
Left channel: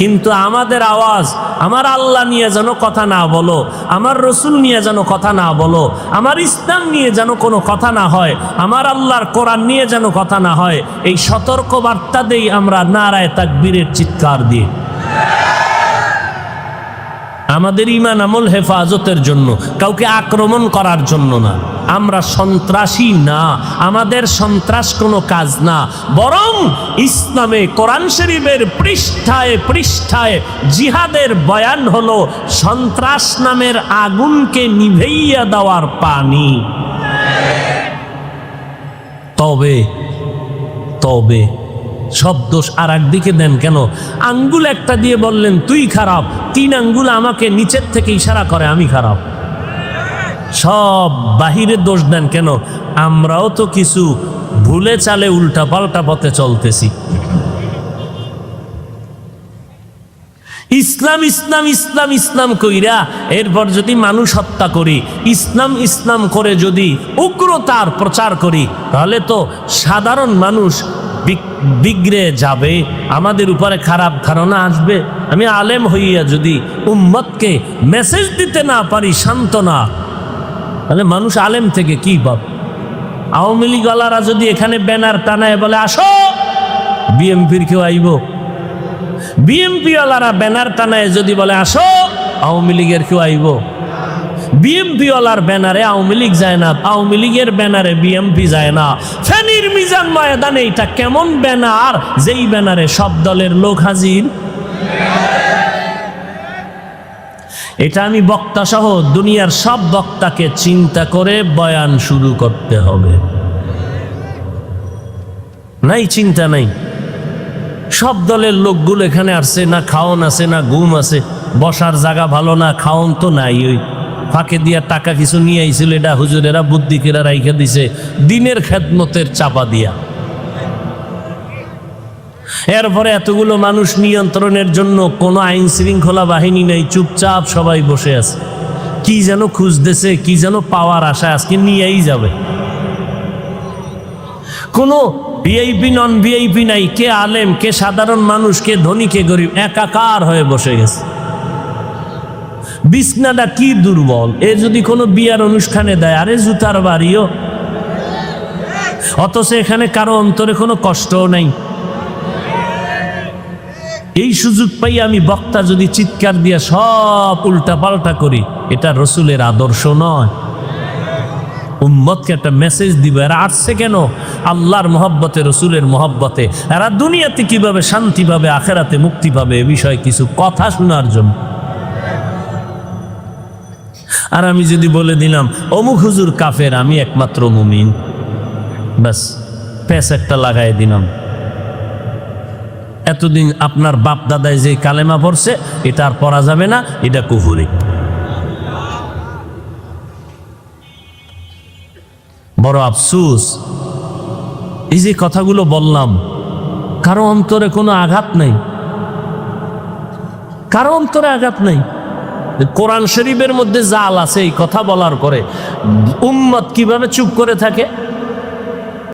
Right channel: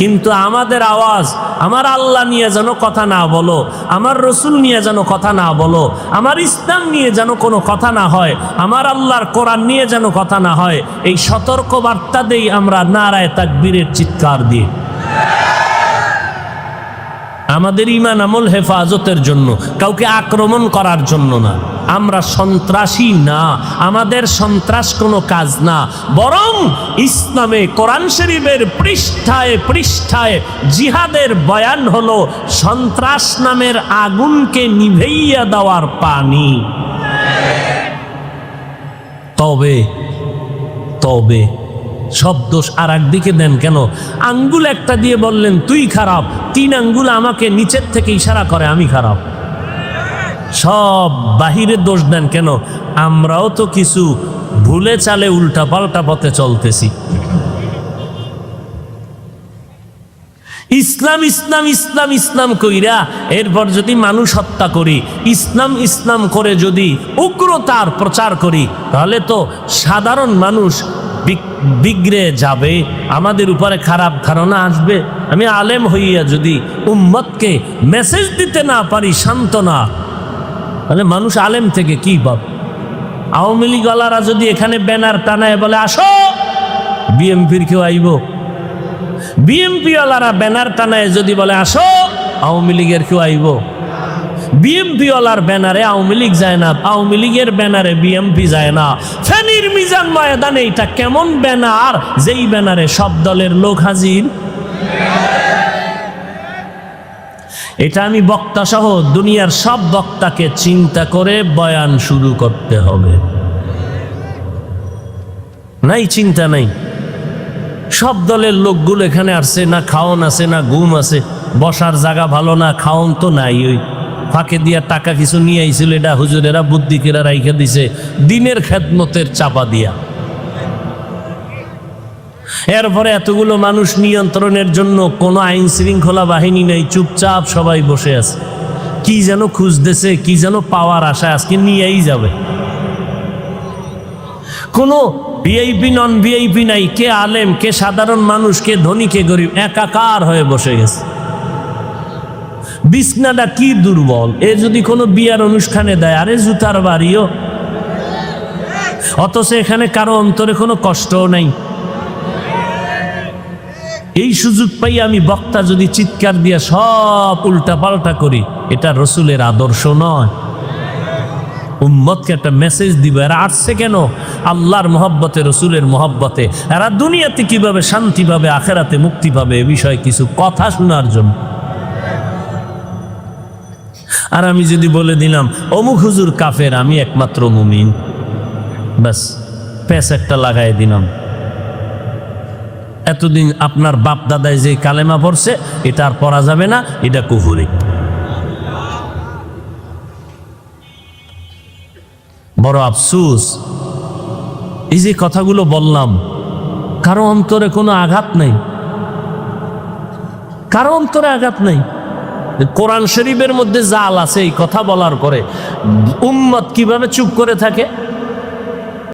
কিন্তু আমাদের আওয়াজ আমার আল্লাহ নিয়ে যেন কথা না বলো, আমার রাসূল নিয়ে যেন কথা না বলো, আমার ইসলাম নিয়ে যেন কোনো কথা না হয়, আমার আল্লাহর কোরআন নিয়ে যেন কথা না হয়, এই সতর্ক বার্তা দেই আমরা নারায়ে তাকবীরের চিৎকার দিয়ে। আমাদের ঈমান আমল হেফাজতের জন্য, কাউকে আক্রমণ করার জন্য না। আমরা সন্ত্রাসী না, আমাদের সন্ত্রাস কোনো কাজ না, বরং ইসলামে কোরআন শরীফের পৃষ্ঠায় পৃষ্ঠায় জিহাদের বয়ান হলো সন্ত্রাস নামের আগুনকে নিভাইয়া দেওয়ার পানি। তবে তবে সব দোষ আর একদিকে দেন কেন? আঙ্গুল একটা দিয়ে বললেন তুই খারাপ, 3 আঙ্গুল আমাকে নিচের থেকে ইশারা করে আমি খারাপ। সব বাহিরে দোষ দেন কেন? আমরাও তো কিছু ভুলে চালে উল্টা পাল্টা পথে চলতেছি। ইসলাম ইসলাম ইসলাম ইসলাম কইরা এরপর যদি মানুষ হত্যা করি, ইসলাম ইসলাম করে যদি উগ্রতার প্রচার করি, তাহলে তো সাধারণ মানুষ বিগড়ে যাবে, আমাদের উপরে খারাপ ধারণা আসবে। আমি আলেম হইয়া যদি উম্মতকে মেসেজ দিতে না পারি সান্ত্বনা, তাহলে মানুষ আলেম থেকে কি পাবে? আওয়ামী লীগ ওয়ালারা যদি এখানে ব্যানার টানায় বলে আসো, বিএনপির কেউ আইব? বিএনপি ওয়ালারা ব্যানার টানায় যদি বলে আসো, আওয়ামী লীগের কেউ আইব? বিএনপি ওয়ালার ব্যানারে আওয়ামী লীগ যায় না, আওয়ামী লীগের ব্যানারে বিএনপি যায় না। ফেনীর মিজান ময়দানে এটা কেমন ব্যানার, যেই ব্যানারে সব দলের লোক হাজির? এটা আমি বক্তা সহ দুনিয়ার সব বক্তাকে চিন্তা করে বয়ান শুরু করতে হবে। নাই চিন্তা নাই, সব দলের লোকগুলো এখানে আসছে, না খাওন আছে না ঘুম আছে, বসার জায়গা ভালো না, খাওন তো নাই, ওই ফাঁকে দিয়া টাকা কিছু নিয়ে আইছিল, এটা হুজুরেরা বুদ্ধিকেরা রাইখা দিছে দিনের খেদমতের চাপা দিয়া। এরপরে এতগুলো মানুষ নিয়ন্ত্রণের জন্য কোনো আইন শৃঙ্খলা বাহিনী নেই, চুপচাপ সবাই বসে আছে, কি যেন খুঁজতেছে, কি যেন পাওয়ার আশায় আজকে নিয়েই যাবে। কোনো ভিআইপি নন ভিআইপি নাই, কে আলেম, কে সাধারণ মানুষ, কে ধনী, কে গরিব, একাকার হয়ে বসে গেছে। বিছনাটা কি দুর্বল, এ যদি কোনো বিয়ার অনুষ্ঠানে দেয়, আরে জুতার বাড়িও, অথচ এখানে কারো অন্তরে কোনো কষ্টও নাই। এই সুযোগ পাই আমি বক্তা যদি চিৎকার দিয়া সব উল্টা পাল্টা করি, এটা রসুলের আদর্শ নয়। উম্মতকে একটা মেসেজ দিব, এরা আসছে কেন? আল্লাহর মহব্বতে, রসুলের মহব্বতে। এরা দুনিয়াতে কিভাবে শান্তি পাবে, আখেরাতে মুক্তি পাবে, এ বিষয়ে কিছু কথা শোনার জন্য। আর আমি যদি বলে দিলাম অমুক হুজুর কাফের, আমি একমাত্র মুমিন, ব্যাস প্যাচ একটা লাগাই দিলাম। এতদিন আপনার বাপ দাদায় যে কালেমা পড়ছে, এটা আর পড়া যাবে না, এটা কুফরি। বড় আফসোস, এই যে কথাগুলো বললাম, কারো অন্তরে কোনো আঘাত নেই, কারো অন্তরে আঘাত নেই। কোরআন শরীফের মধ্যে জাল আছে এই কথা বলার পরে উম্মত কিভাবে চুপ করে থাকে?